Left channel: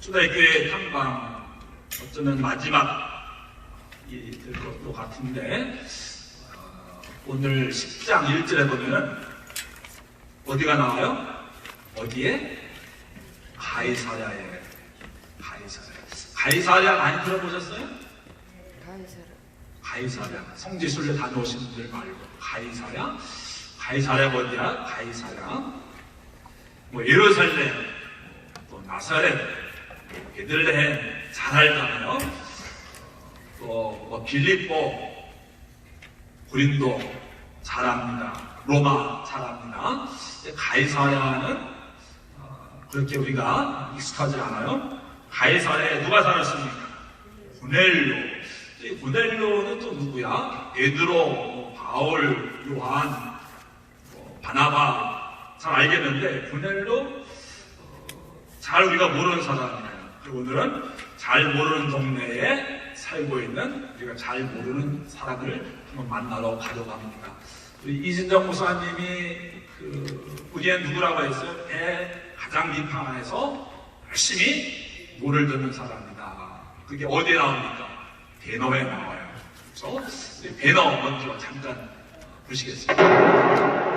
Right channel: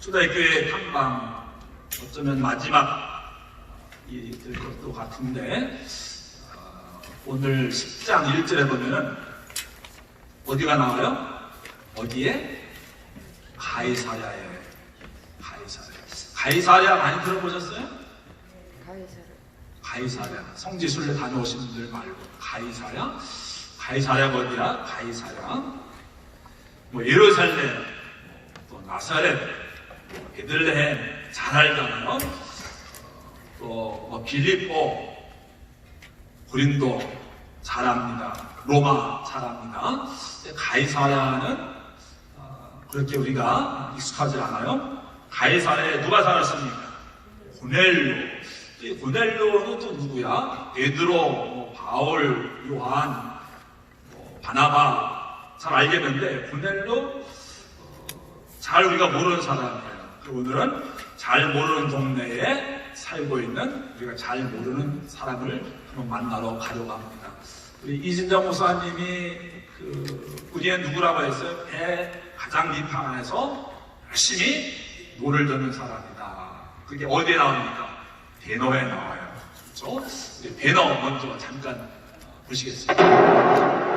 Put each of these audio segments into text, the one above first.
초대교회 탐방 어쩌면 마지막이 될 것도 같은데 오늘 10장 1절에 보면은 어디가 나와요? 어디에? 가이사랴에. 가이사랴 많이 들어보셨어요? 가이사랴. 성지순례 다녀오신 분들 말고 가이사랴? 가이사랴가 어디야? 가이사랴. 뭐 예루살렘, 또 나사렛, 베들레헴 잘 알잖아요. 또 빌립보, 고린도 잘 압니다. 로마 잘 압니다. 가이사랴는 그렇게 우리가 익숙하지 않아요. 가이사랴에 누가 살았습니까? 고넬료. 이 고넬료는 또 누구야? 베드로, 바울, 요한, 바나바 잘 알겠는데 고넬료 잘 우리가 모르는 사람이에요. 그리고 오늘은 잘 모르는 동네에 살고 있는 우리가 잘 모르는 사람을 한번 만나러 가려고 합니다. 우리 이진정 목사님이 우리의 누구라고 했어요? 배 가장 밑판에서 열심히 노를 듣는 사람이다. 그게 어디에 나옵니까? 배너에 나와요. 그렇죠? 우리 배너 먼저 잠깐 보시겠습니다.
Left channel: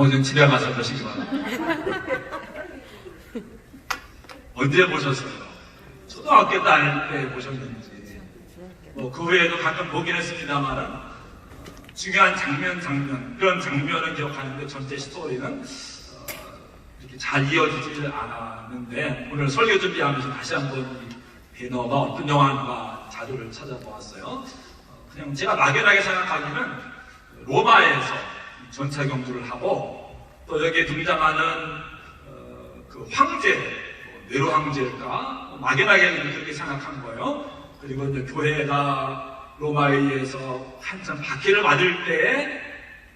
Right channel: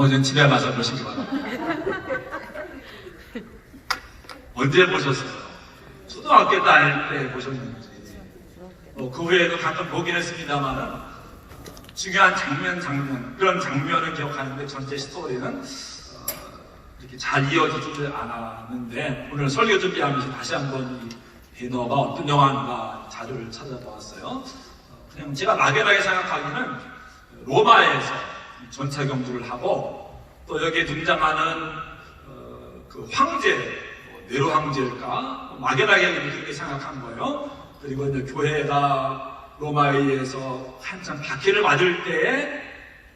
나머지는 집에 가서 보시기 바랍니다. 언제 보셨어요? 초등학교 다닐 때 보셨는지 그 후에도 가끔 보긴 했습니다만 중요한 장면 그런 장면은 기억하는데 전체 스토리는 이렇게 잘 이어지지 않았는데 오늘 설교 준비하면서 다시 한번 이 배너가 어떤 영화인가 자료를 찾아보았어요. 그냥 제가 막연하게 생각하기는 로마에서 전차 경주를 하고 또 여기에 등장하는 그 황제, 네로 황제일까 막연하게 그렇게 생각한 거예요. 그리고 이제 교회가 로마에 의해서 한참 박해를 맞을 때에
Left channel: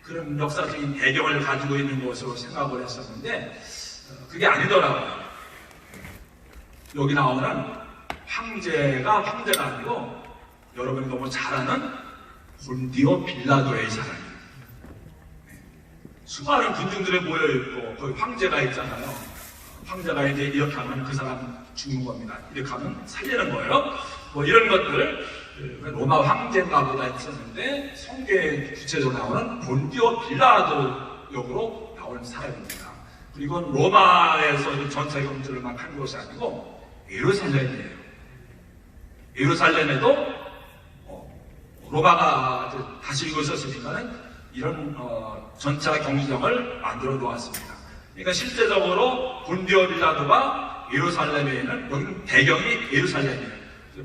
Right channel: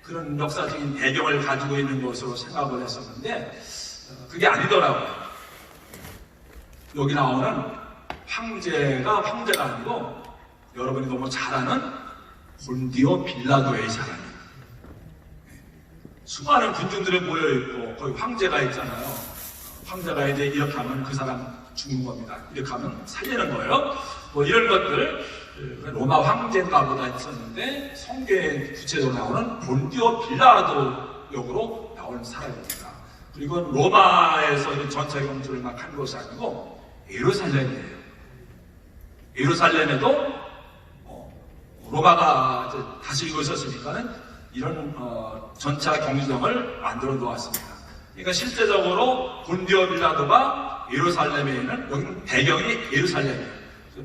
그런 역사적인 배경을 가지고 있는 것으로 생각을 했었는데 그게 아니더라고요. 여기 나오는 황제가 아니고 여러분이 너무 잘 아는 본디오 빌라도의 사람이에요. 수많은 군중들이 모여있고 거기 황제가 있잖아요. 황제가 이제 이렇게 하면 그 사람 죽는 겁니다. 이렇게 하면 살리는 거예요. 뭐 이런 것들 로마 황제인가 보다 했었는데 성경에 구체적으로 나오는 본디오 빌라도 역으로 나오는 사람입니다. 그리고 로마에서 전차 경주를 막 한 것이 아니고 예루살렘이에요. 예루살렘에도 로마가 다스리고 있었으니까는 이런 전차 경주장을 만들어 놓았습니다. 그러니까 실제적으로 본디오 빌라도가 예루살렘에 있는 여기는 배경이 예루살렘이에요.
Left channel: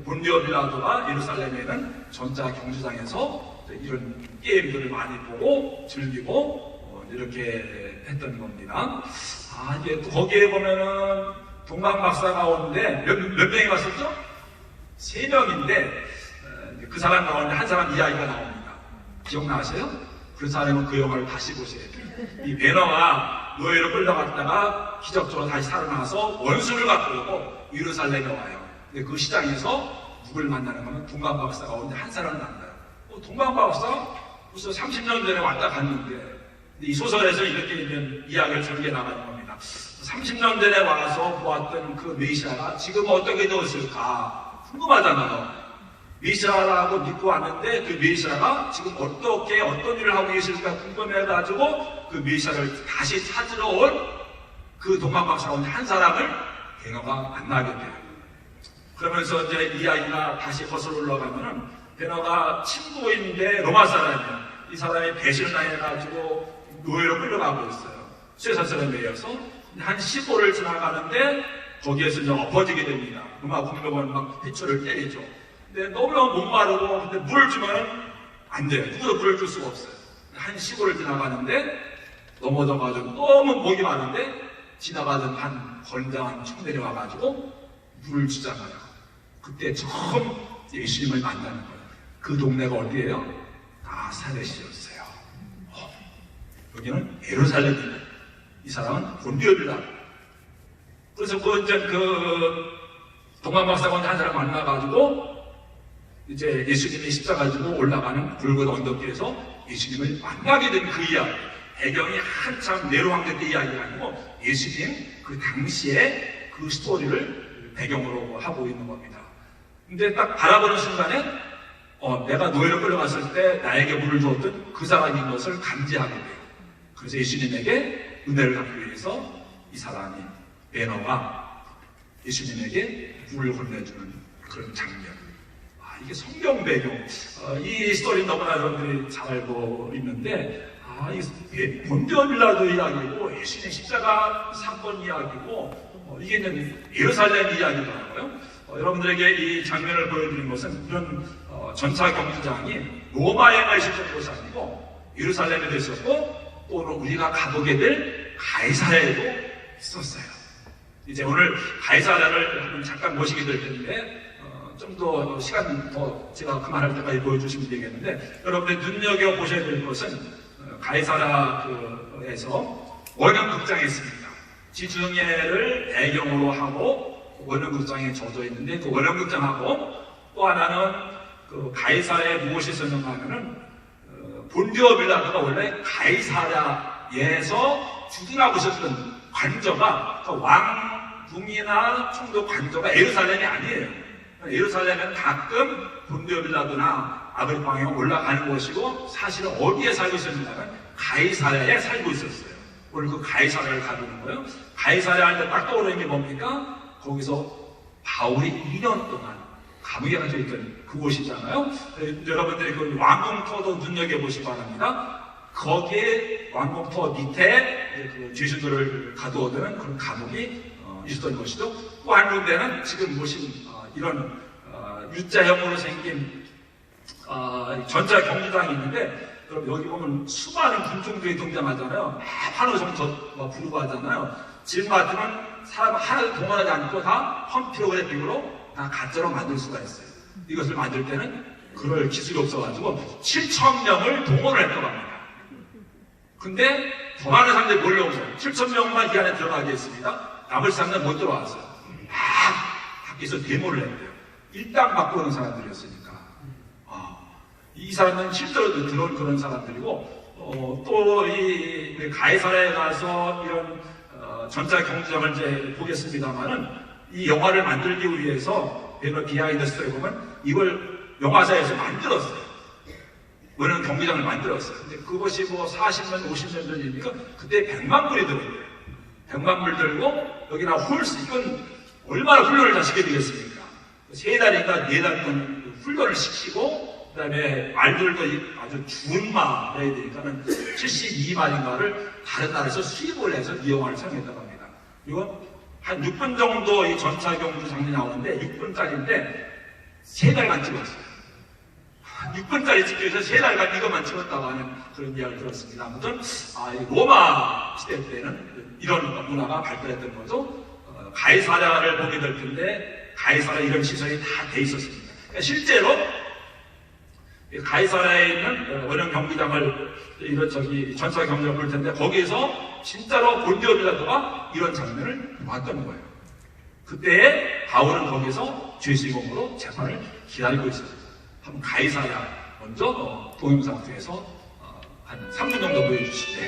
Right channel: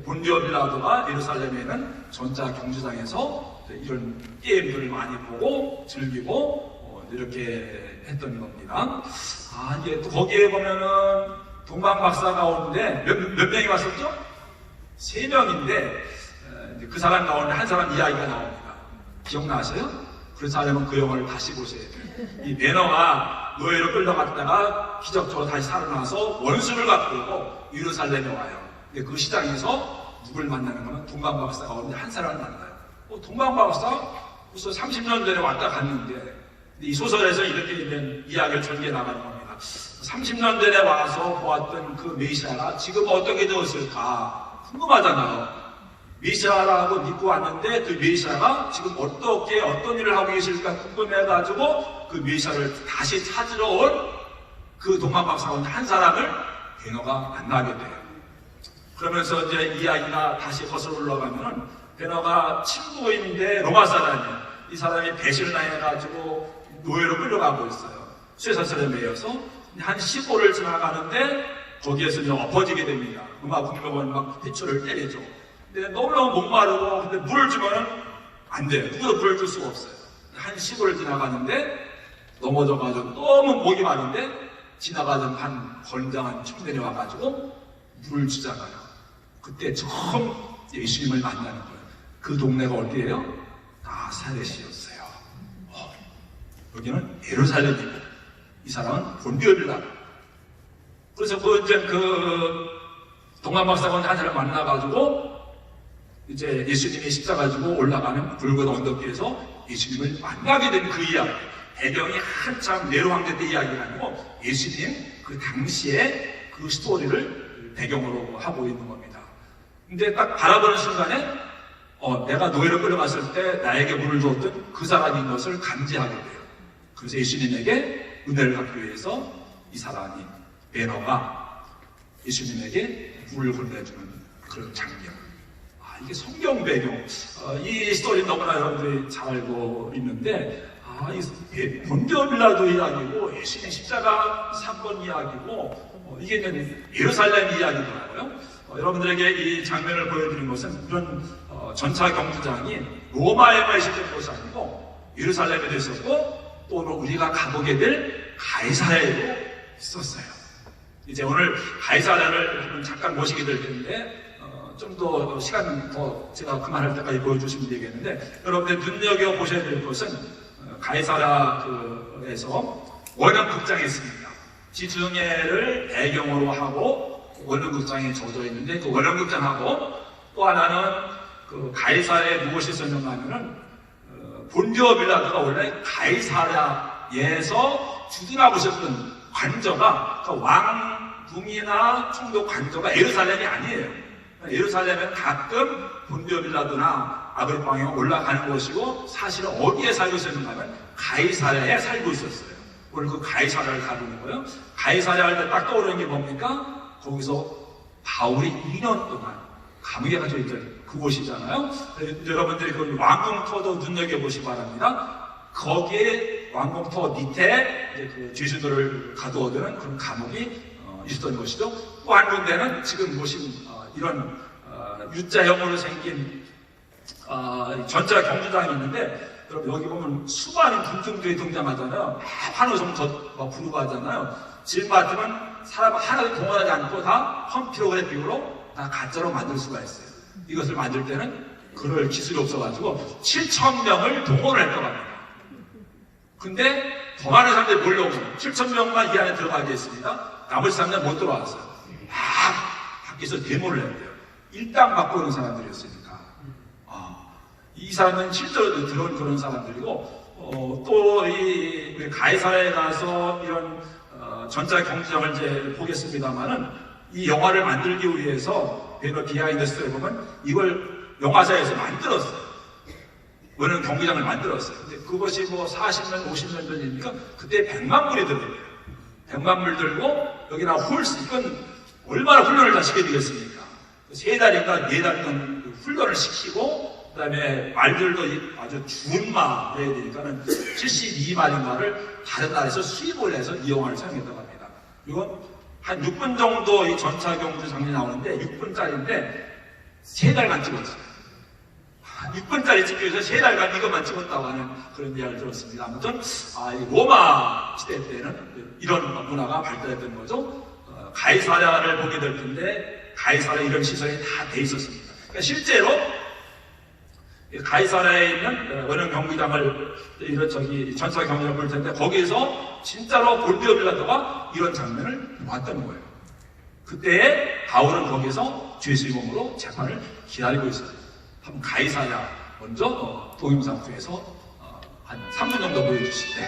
본디오 빌라도가 예루살렘에 있는 전차 경주장에서 이런 게임들을 많이 보고 즐기고 이렇게 했던 겁니다. 이제 또 거기에 보면은 동방 박사 가운데 몇 명이 왔었죠? 3명인데 그 사람 가운데 한 사람 이야기가 나옵니다. 기억나세요? 그렇지 않으면 그 영화를 다시 보셔야 돼요. 이 베너가 노예로 끌려갔다가 기적적으로 다시 살아나서 원수를 갖고 오고 예루살렘에 와요. 근데 그 시장에서 누굴 만나는 거는 동방박사 가운데 한 사람을 만나요. 동방박사 벌써 30년 전에 왔다 갔는데 이 소설에서 이렇게 되면 이야기를 전개 나가는 겁니다. 30년 전에 와서 보았던 그 메시아가 지금 어떻게 되었을까 궁금하잖아요. 메시아라고 믿고 왔는데 그 메시아가 지금 어떤 일을 하고 계실까 궁금해가지고 그 메시아를 다시 찾으러 온 그 동방박사원 한 사람을 베너가 만나게 돼요. 그러면서 이제 이야기가 다시 거슬러 올라가면은 베너가 친구인데 로마 사람이야. 이 사람이 배신을 당해가지고 노예로 끌려가고 있어요. 쇠사슬에 매여서 한 15를 지나가는데 거기에서 이제 엎어지게 됩니다. 로마 국력은 막 피초를 때리죠. 근데 너무너무 목마르고 근데 물을 주면은 안 돼요. 누구도 물을 줄 수가 없어요. 한 15를 지나가는데 넘어져가지고 너무 목이 마른데 지나가던 한 건장한 청년이 와가지고 물을 주잖아요. 그때 처음 예수님을 만나는 거예요. 그 동네가 어디예요? 나사렛이었어요. 여기는 예루살렘입니다. 이 사람은 본디오 빌라도. 그래서 그 동방박사관 한 사람 만나가지고 이제 예수님이 십자가 지고 올라가는 붉은 언덕 위에서 예수님을 만나게 된 그 이야기. 배경이 한참 네로 황제 때 이야기가 아니고 예수님 그 당시에 그 스토리를 배경으로 하고 있는 겁니다. 근데 딱 바라보는 순간에 내가 노예로 끌려갔을 때 나에게 물을 주었던 그 사람인 것을 감지하게 돼요. 그래서 예수님에게 은혜를 받기 위해서 이 사람이 베너가 예수님에게 물을 건네주는 그런 장면. 이게 성경 배경. 이 스토리 너무나 여러분들이 잘 알고 있는데 이 본디오 빌라도 이야기고 예수님의 십자가 사건 이야기고 이게 이제 예루살렘 이야기더라고요. 여러분들에게 이 장면을 보여드리는 것은 그런 전차 경주장이 로마에만 있었던 것이 아니고 예루살렘에도 있었고 또 우리가 가보게 될 가이사랴에도 있었어요. 이제 오늘 가이사랴를 잠깐 모시게 될 텐데 좀 더 시간 더 제가 그만할 때까지 보여주시면 되겠는데 여러분들 눈여겨보셔야 될 것은 가이사랴에서 원형극장이 있습니다. 지중해를 배경으로 하고 원형극장에 젖어 있는데 그 원형극장하고 또 하나는 그 가이사랴에 무엇이 있었는가 하면은 본디오 빌라도가 원래 가이사랴에서 주둔하고 있었던 관저가 왕궁이나 총독 관저가 예루살렘이 아니에요. 예루살렘은 가끔 본디오 빌라도나 아그리파에 올라가는 것이고 사실은 어디에 살고 있었는가 하면 가이사랴에 살고 있었어요. 오늘 그 가이사랴를 가보는 거예요. 가이사랴 할 때 딱 떠오르는 게 뭡니까? 거기서 바울이 2년 동안 감옥에 갇혀 있던 그곳이잖아요. 여러분들이 그 왕궁터도 눈여겨보시기 바랍니다. 거기에 왕궁터 밑에 이제 그 죄수들을 가두어두는 그런 감옥이 있었던 것이죠. 또 한 군데는 지금 보신 이런 U자형으로 생긴 전차 경주장이 있는데 여러분 여기 보면 수많은 군중들이 등장하잖아요. 환호성 부르고 하잖아요. 지금 같으면 사람 하나도 동원하지 않고 다 펌피로그의 비유로 다 가짜로 만들 수가 있어요. 이것을 만들 때는 그럴 기술이 없어가지고 7,000명을 동원을 했다고 합니다. 근데 더 많은 사람들이 몰려오고 7,000명만 이 안에 들어가게 했습니다. 나머지 사람들은 못 들어왔어요. 밖에서 데모를 했대요. 일당 받고 오는 사람들이었으니까. 이 사람은 실제로 들어온 그런 사람들이고, 또 이 가이사랴에 가서 이런 전차 경주장을 이제 보겠습니다만은 이 영화를 만들기 위해서 베너 비하인드 스토리에 보면 이걸 영화사에서 만들었어요. 원형 경기장을 만들었어요. 근데 그것이 뭐 40년, 50년 전이니까 그때 100만 불이 들어요. 100만 불 들고 여기나 홀스, 이건 얼마나 훈련을 다 시켜야 되겠습니까? 3달인가 4달이면 훈련을 시키고 그 다음에 말들도 아주 좋은 말 해야 되니까는 72마리인가를 다른 나라에서 수입을 해서 이 영화를 촬영했다고 합니다. 이건 한 6분 정도 이 전차 경주 장면이 나오는데 6분짜리인데 3달간 찍었어요. 6분짜리 찍기 위해서 3달간 이것만 찍었다고 하는 그런 이야기를 들었습니다. 아무튼 이 로마 시대 때는 이런 문화가 발달했던 거죠. 가이사랴를 보게 될 텐데 가이사랴에 이런 시설이 다 돼 있었습니다. 그러니까 실제로 가이사랴에 있는 원형 경기장을 전차 경기장을 볼 텐데 거기에서 진짜로 본디오 빌라도가 이런 장면을 봤던 거예요. 그때 바울은 거기서 죄수의 몸으로 재판을 기다리고 있었어요. 한번 가이사랴 먼저 동영상 통해서 한 3분 정도 보여주시죠.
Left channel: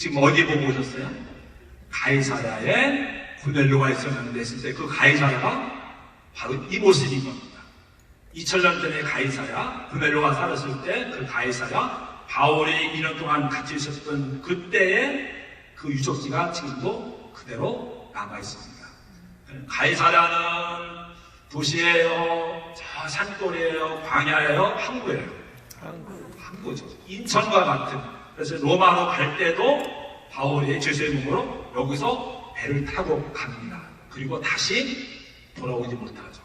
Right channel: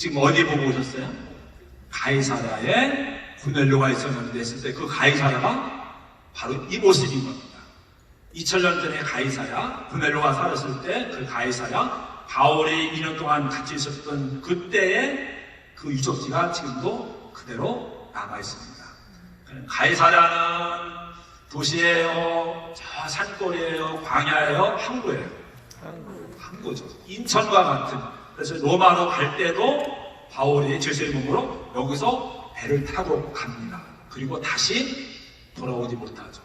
지금 어디 보고 오셨어요? 가이사랴에 고넬료가 있었는데 했을 때 그 가이사랴가 바로 이 모습인 겁니다. 2000년 전에 가이사랴, 고넬료가 살았을 때 그 가이사랴, 바울이 2년 동안 같이 있었던 그때의 그 유적지가 지금도 그대로 남아 있습니다. 가이사랴는 도시예요, 저 산골이에요, 광야예요, 항구예요. 항구죠. 인천과 같은. 그래서 로마로 갈 때도 바울이 제수의 몸으로 여기서 배를 타고 갑니다. 그리고 다시 돌아오지 못하죠.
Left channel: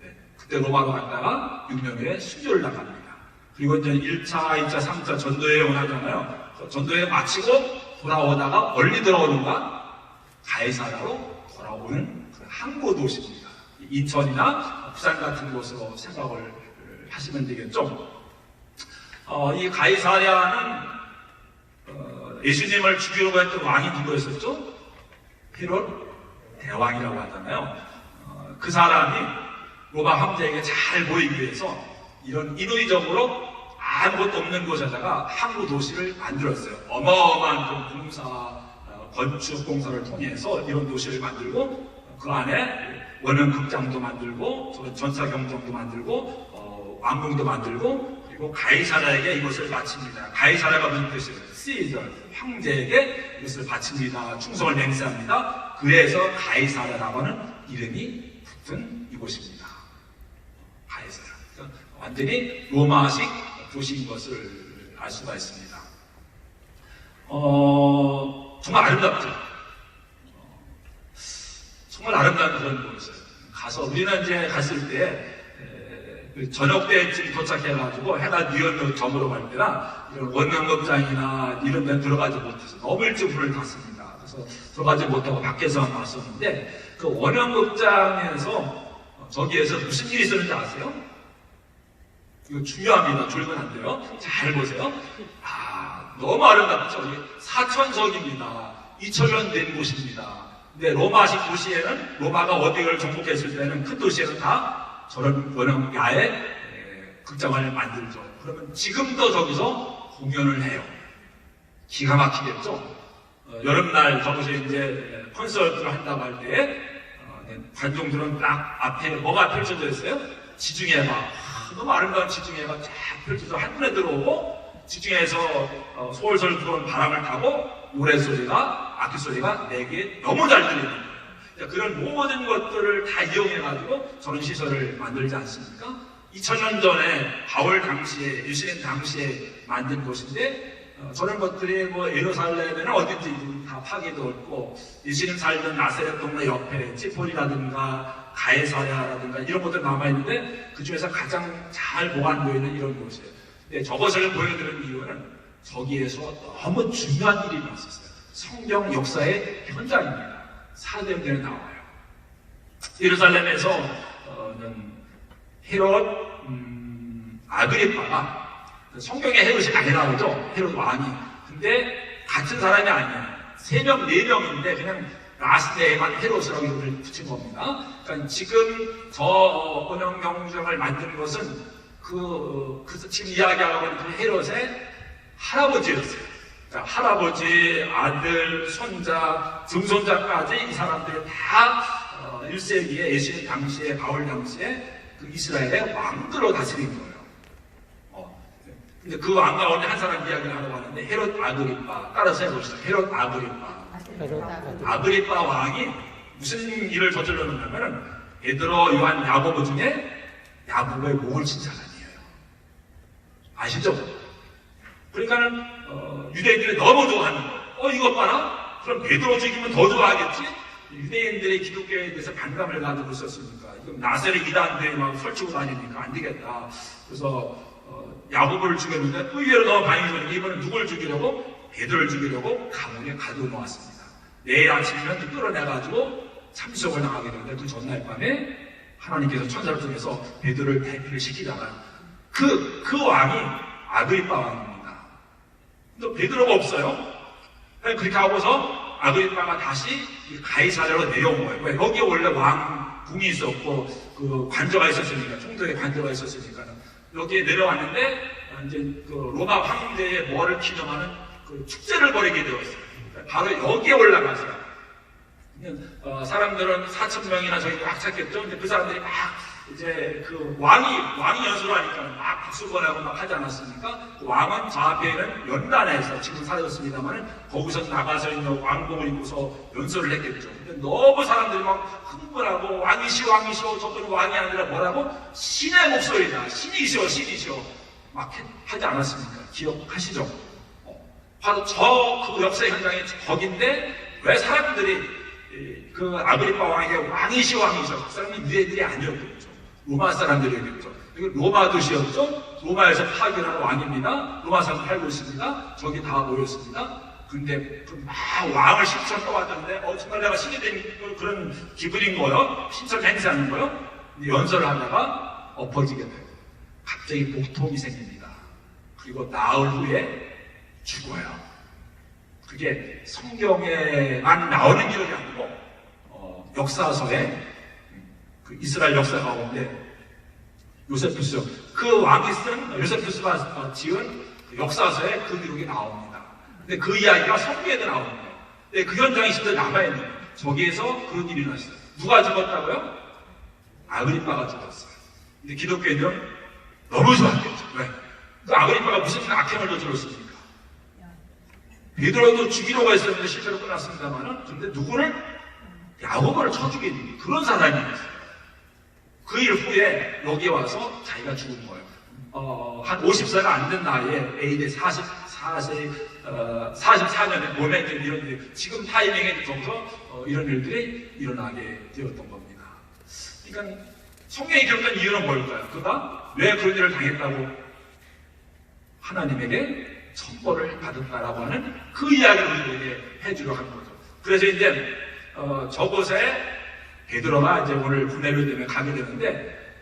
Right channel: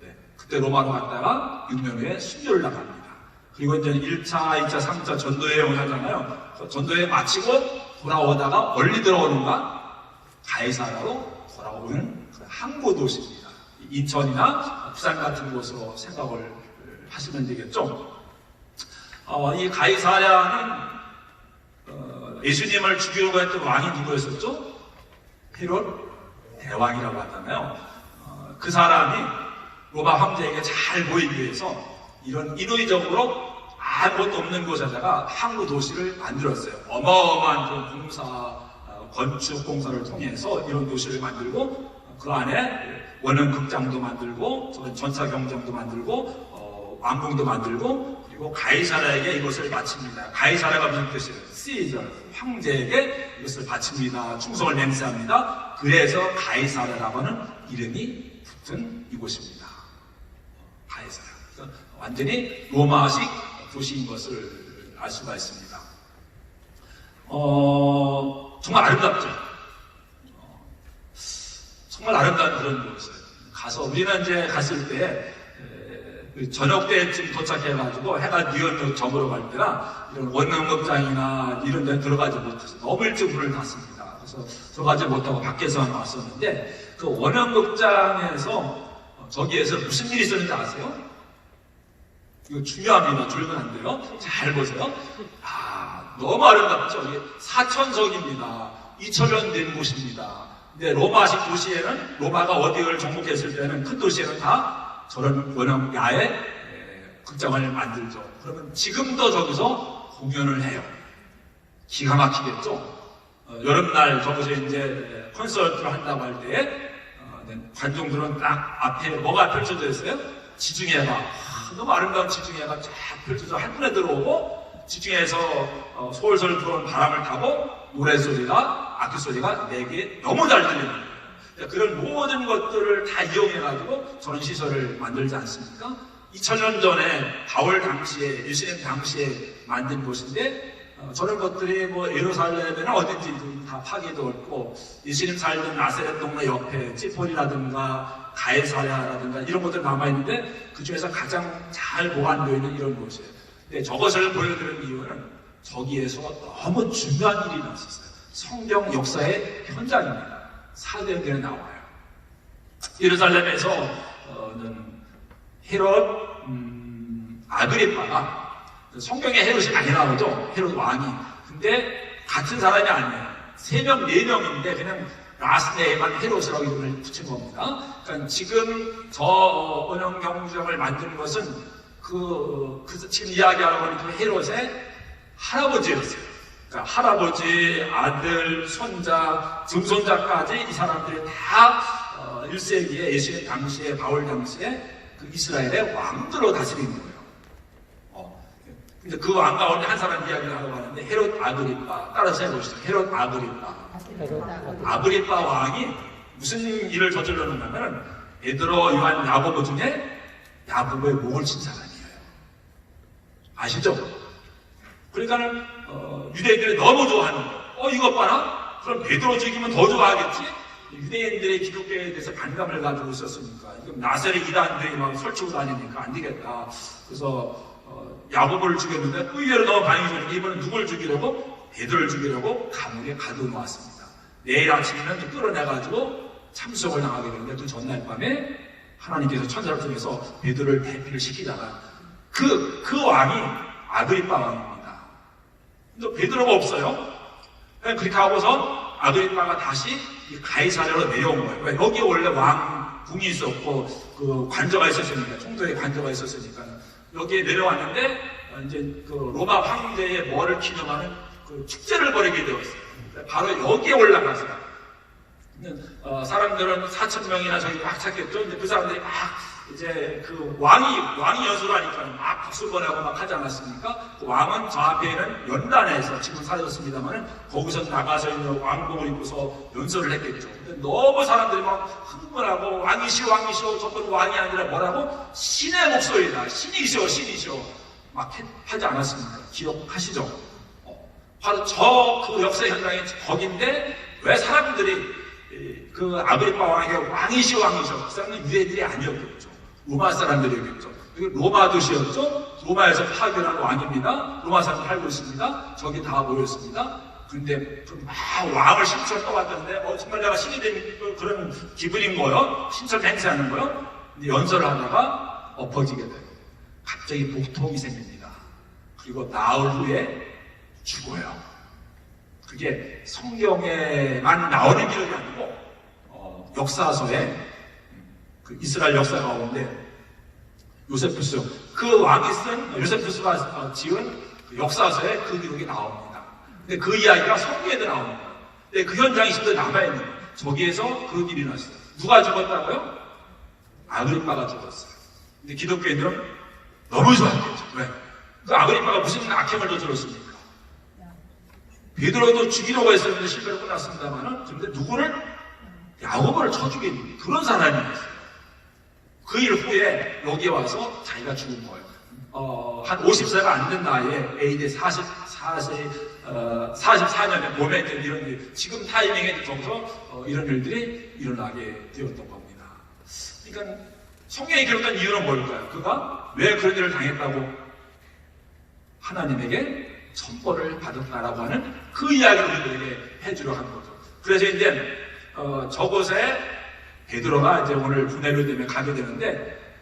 네. 그때 로마로 갔다가 6년 후에 순교를 나갑니다. 그리고 이제 1차, 2차, 3차 전도여행을 하잖아요. 전도여행 마치고 돌아오다가 멀리 들어오는가? 가이사랴로 돌아오는 그 항구 도시입니다. 인천이나 부산 같은 곳으로 생각을 하시면 되겠죠. 이 가이사랴는 예수님을 죽이려고 했던 왕이 누구였었죠? 헤롯 대왕이라고 하잖아요. 그 사람이 로마 황제에게 잘 보이기 위해서 이런 인위적으로 아무것도 없는 곳에다가 항구 도시를 만들었어요. 어마어마한 그 공사, 건축 공사를 통해서 이런 도시를 만들고 그 안에 원형 극장도 만들고 전차 경정도 만들고 왕궁도 만들고 그리고 가이사랴에게 이것을 바칩니다. 가이사랴가 무슨 뜻이에요? 시저, 황제에게 이것을 바칩니다. 충성을 맹세합니다. 그래서 가이사랴라고 하는 이름이 붙은 이곳입니다. 가이사랴. 그러니까 완전히 로마식 도시인 것을 알 수가 있습니다. 정말 아름답죠. 정말 아름다운 그런 곳이었어요. 가서 우리는 이제 갔을 때 저녁 때쯤 도착해가지고 해가 뉘어서 저물어 갈 때나 이런 원형극장이나 이런 데 들어가지 못해서 너무 일찍 불을 탔습니다. 그래서 들어가지 못하고 밖에서만 봤었는데 그 원형극장에서 저기에서 무슨 일이 있었는지 아세요? 이거 중요합니다. 졸면 안 돼요. 잘 보세요. 너무 아름답죠. 이게 사천석입니다. 2000년 된 곳입니다. 근데 로마식 도시에는 로마가 어디를 정복했을 때는 큰 도시에는 다 저런 원형 야외 극장을 만들죠. 그러면 지금도 저기서 공연을 해요. 기가 막히겠죠. 여름날 저기서 이제 콘서트를 한다고 할 때 관중들은 딱 앞에 뭐가 펼쳐져 있어요? 지중해가 너무 아름다운 지중해가 쫙 펼쳐져 한눈에 들어오고 지중해에서 솔솔 불어오는 바람을 타고 노래소리가 악기소리가 내게 너무 잘 들립니다. 그런 모든 것들을 다 이용해가지고 저런 시설을 만들지 않습니까? 2000년 전에 바울 당시에, 예수님 당시에 만든 곳인데, 저런 것들이 뭐 예루살렘에는 어딘지 다 파괴되었고, 예수님 살던 나사렛 동네 옆에 찌폴이라든가 가이사랴라든가 이런 것들 남아있는데, 그 중에서 가장 잘 보관되어 있는 이런 곳이에요. 근데 저것을 보여드리는 이유는 저기에서 너무 중요한 일이 났었어요. 성경 역사의 현장입니다. 사도행전에 나와요. 예루살렘에서는 헤롯 아그리파가 성경에 헤롯이 많이 나오죠. 헤롯 왕이. 근데 같은 사람이 아니에요. 3명, 4명인데 그냥 라스네에만 헤롯이라고 이름을 붙인 겁니다. 그러니까 지금 저 원형 경주장을 만든 것은 지금 이야기하고 있는 그 헤롯의 할아버지였어요. 그러니까 할아버지, 아들, 손자, 증손자까지 이 사람들이 다 1세기에 예수님 당시에, 바울 당시에 그 이스라엘의 왕들로 다스린 거예요. 근데 그 왕 가운데 한 사람 이야기를 하려고 하는데 헤롯 아그리파, 따라서 해보시죠. 헤롯 아그리파. 아그리파 왕이 무슨 일을 저질렀냐면은 베드로, 요한, 야고보 중에 야고보의 목을 친 사람이에요. 아시죠? 그러니까는 유대인들이 너무 좋아하는 거예요. 이것 봐라. 그럼 베드로 죽이면 더 좋아하겠지? 유대인들의 기독교에 대해서 반감을 가지고 있었으니까 이건 나사렛 이단들이 막 설치고 다니니까 안 되겠다. 그래서 야고보를 죽였는데 의외로 너무 반응이 좋으니까 이번엔 누굴 죽이려고? 베드로를 죽이려고 감옥에 가둬놓았습니다. 내일 아침이면 끌어내가지고 참수형을 당하게 되는데 그 전날 밤에 하나님께서 천사를 통해서 베드로를 대피를 시키잖아요. 그 왕이 아그리파 왕입니다. 근데 베드로가 없어요. 그렇게 하고서 아그리파가 다시 가이사랴로 내려온 거예요. 왜? 여기 원래 왕궁이 있었고 그 관저가 있었으니까, 총독의 관저가 있었으니까 여기에 내려왔는데 이제 그 로마 황제의 뭐를 기념하는 그 축제를 벌이게 되었어요. 바로 여기에 올라가서 사람들은 4,000명이나 저기 막 찾겠죠. 근데 그 사람들이 막 이제 그 왕이 연수를 하니까 막 박수 보내고 막 하지 않았습니까? 그 왕은 저 앞에는 연단에서 지금 사라졌습니다만 거기서 나가서 있는 왕복을 입고서 연설을 했겠죠. 근데 너무 사람들이 막 흥분하고 왕이시오 저건 왕이 아니라 뭐라고? 신의 목소리다. 신이시오 막 하지 않았습니까? 기억하시죠? 바로 저 그 역사 현장이 거긴데 왜 사람들이 그 아그리파 왕에게 왕이시오 그 사람은 유대인들이 아니었겠죠. 로마 사람들이었겠죠. 로마 도시였죠. 로마에서 파견한 왕입니다. 로마 사람 살고 있습니다. 저기 다 모였습니다. 근데 막 왕을 신처럼 떠왔던데 정말 내가 신이 된 그런 기분인 거요. 신처럼 행세하는 거요. 근데 연설을 하다가 엎어지게 돼요. 갑자기 복통이 생깁니다. 그리고 나흘 후에 죽어요. 그게 성경에만 나오는 기록이 아니고 역사서에 그 이스라엘 역사 가운데 요세푸스 그 왕이 쓴 요세푸스가 지은 그 역사서에 그 기록이 나옵니다. 근데 그 이야기가 성경에도 나옵니다. 근데 그 현장이 지금 남아있는 거예요. 저기에서 그 일이 났어요. 누가 죽었다고요? 아그리파가 죽었어요. 근데 기독교인들은 너무 좋았겠죠. 왜? 그 아그리파가 무슨 악행을 저질렀습니까? 베드로도 죽이려고 했었는데 실패로 끝났습니다만은 근데 누구를? 야고보를 쳐 죽인 그런 사람이었어요. 그 일 후에 여기 와서 자기가 죽은 거예요. 한 50세가 안 된 나이에 AD 44년에 몸에 있는 이런 일, 지금 타이밍에 있어서 이런 일들이 일어나게 되었던 겁니다. 그러니까 성경이 기록한 이유는 뭘까요? 그가 왜 그런 일을 당했다고 하나님에게 천벌을 받았다라고 하는 그 이야기를 우리에게 해주려 한 거죠. 그래서 이제 저곳에 베드로가 이제 오늘 고넬료 때문에 가게 되는데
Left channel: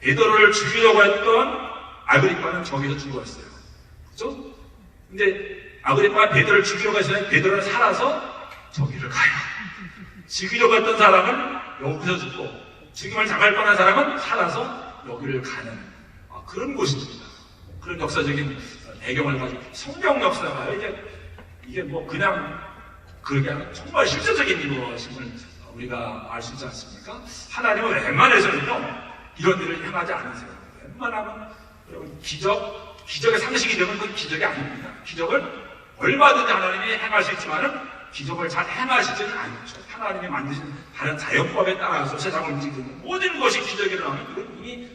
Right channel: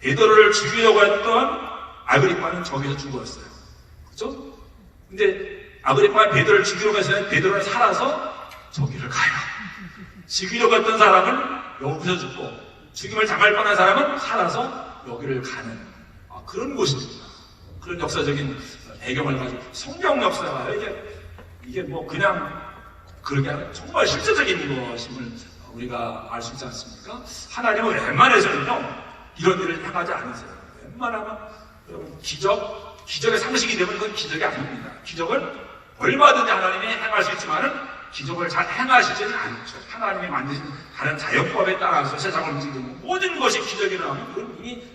베드로를 죽이려고 했던 아그리파는 저기서 죽었어요. 그렇죠? 근데 아그리파가 베드로를 죽이려고 했을 때 베드로는 살아서 저기를 가요. 죽이려고 했던 사람은 여기서 죽고 죽임을 당할 뻔한 사람은 살아서 여기를 가는 그런 곳입니다. 그런 역사적인 배경을 가지고 성경 역사가요. 이게 뭐 그냥 그러게 정말 실제적인 것임을 우리가 알 수 있지 않습니까? 하나님은 웬만해서는요 이런 일을 행하지 않으세요. 웬만하면 여러분 기적의 상식이 되면 그건 기적이 아닙니다. 기적을 얼마든지 하나님이 행할 수 있지만은 기적을 잘 행하시지는 않죠. 하나님이 만드신 다른 자연법에 따라서 세상을 움직이는 모든 것이 기적이 일어나면 그건 이미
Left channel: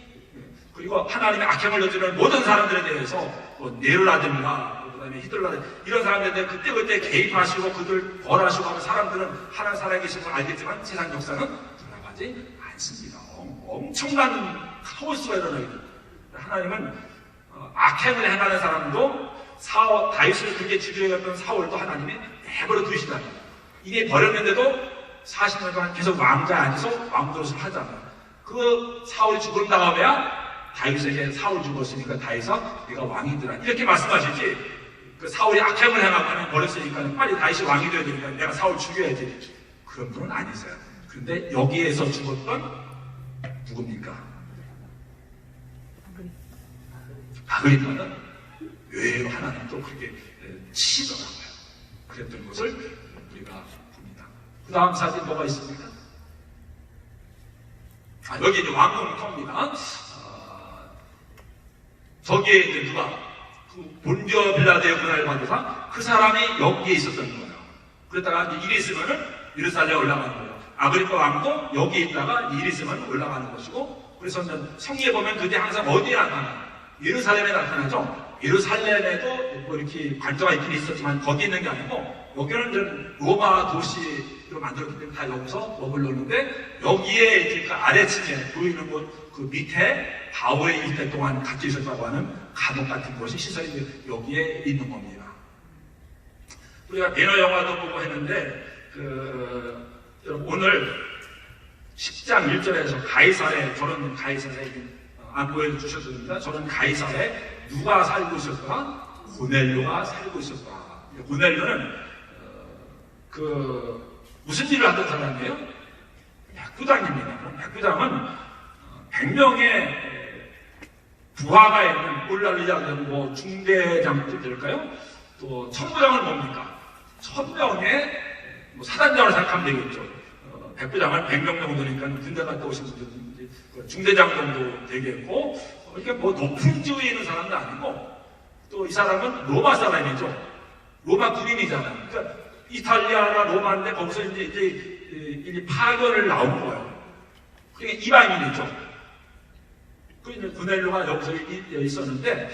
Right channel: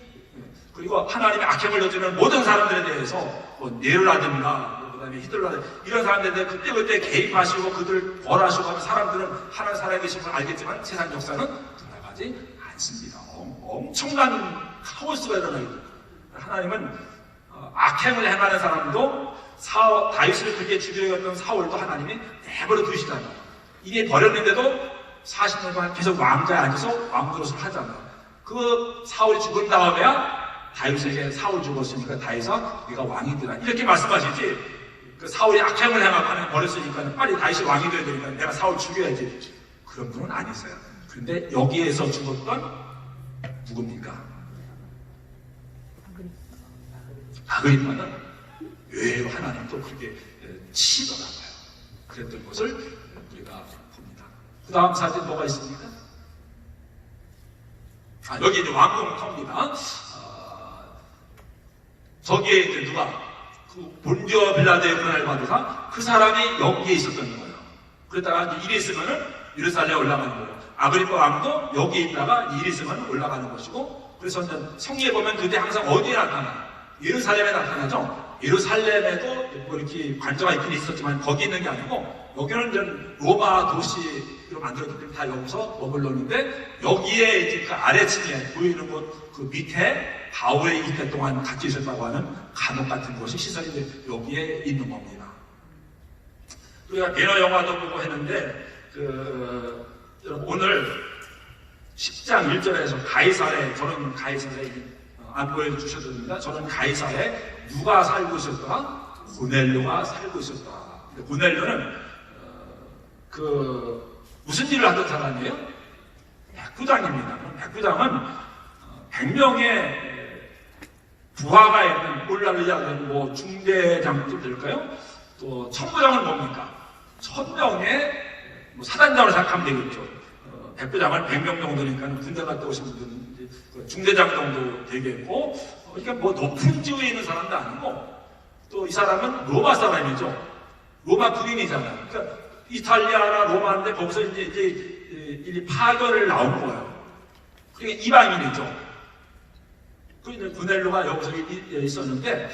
그리고 하나님의 악행을 저지르는 모든 사람들에 대해서 뭐 네로라든가 그다음에 히틀러라든가 이런 사람들에 대해 그때그때 개입하시고 그들 벌하시고 하는 사람들은 하나님 살아계신 걸 알겠지만 세상 역사는 돌아가지 않습니다. 엄청난 카오스가 일어나게 됩니다. 하나님은 악행을 행하는 사람도 다윗을 그렇게 죽이려던 사울도 하나님이 내버려 두시다는 거예요. 이게 버렸는데도 40년 동안 계속 왕자에 앉아서 왕노릇을 하잖아요. 그 사울이 죽은 다음에야 다윗에게 사울 죽었으니까 다윗아 네가 왕이 되라 이렇게 말씀하시지 그 사울이 악행을 행하고 하나님 버렸으니까 빨리 다윗이 왕이 되야 되니까 내가 사울 죽여야지 그런 분은 아니세요. 근데 여기에서 죽었던 누굽니까? 아그리파는 의외로 하나님 또 그렇게 치더라고요. 그랬던 것을 우리가 봅니다. 그 다음 사진 뭐가 있습니까? 여기 이제 왕궁터입니다. 저기에 이제 누가 그 본디오 빌라도의 고난을 받으사 그 사람이 여기에 있었던 거예요. 그러다가 이제 일이 있으면은 예루살렘에 올라가는 거예요. 아그리파 왕도 여기에 있다가 일이 있으면 올라가는 것이고 그래서 성경에 보면 그때 항상 어디에 나타나요? 예루살렘에 나타나죠. 예루살렘에도 뭐 이렇게 관저가 있긴 있었지만 거기 있는 게 아니고 여기는 이제 로마 도시로 만들었기 때문에 다 여기서 머물렀는데 여기에 이제 그 아래층에 보이는 곳 그 밑에 바울의 이때 동안 같이 있었다고 하는 감옥 같은 곳이 시설이 여기에 있는 겁니다. 우리가 배너 영화도 보고 했는데 오늘 10장 1절에서 가이사랴 저는 가이사랴 안 보여주셨습니다. 저는 가이사랴에 누가 살고 있었더라? 고넬료가 살고 있었더라. 고넬료는 무슨 일을 하던 사람이에요? 백부장입니다. 백부장은 100명의 부하가 있는 꼴라리아 뭐 중대장도 될까요? 또 천부장은 뭡니까? 1000명의 뭐 사단장으로 생각하면 되겠죠. 백부장은 100명 정도니까 군대 갔다 오신 분들은 중대장 정도 되겠고, 그러니까 뭐 높은 지위에 있는 사람도 아니고, 또 이 사람은 로마 사람이죠. 로마 군인이잖아요. 그러니까 이탈리아나 로마인데 거기서 이제 파견을 나온 거예요. 그러니까 이방인이죠. 그 고넬료가 여기서 있었는데,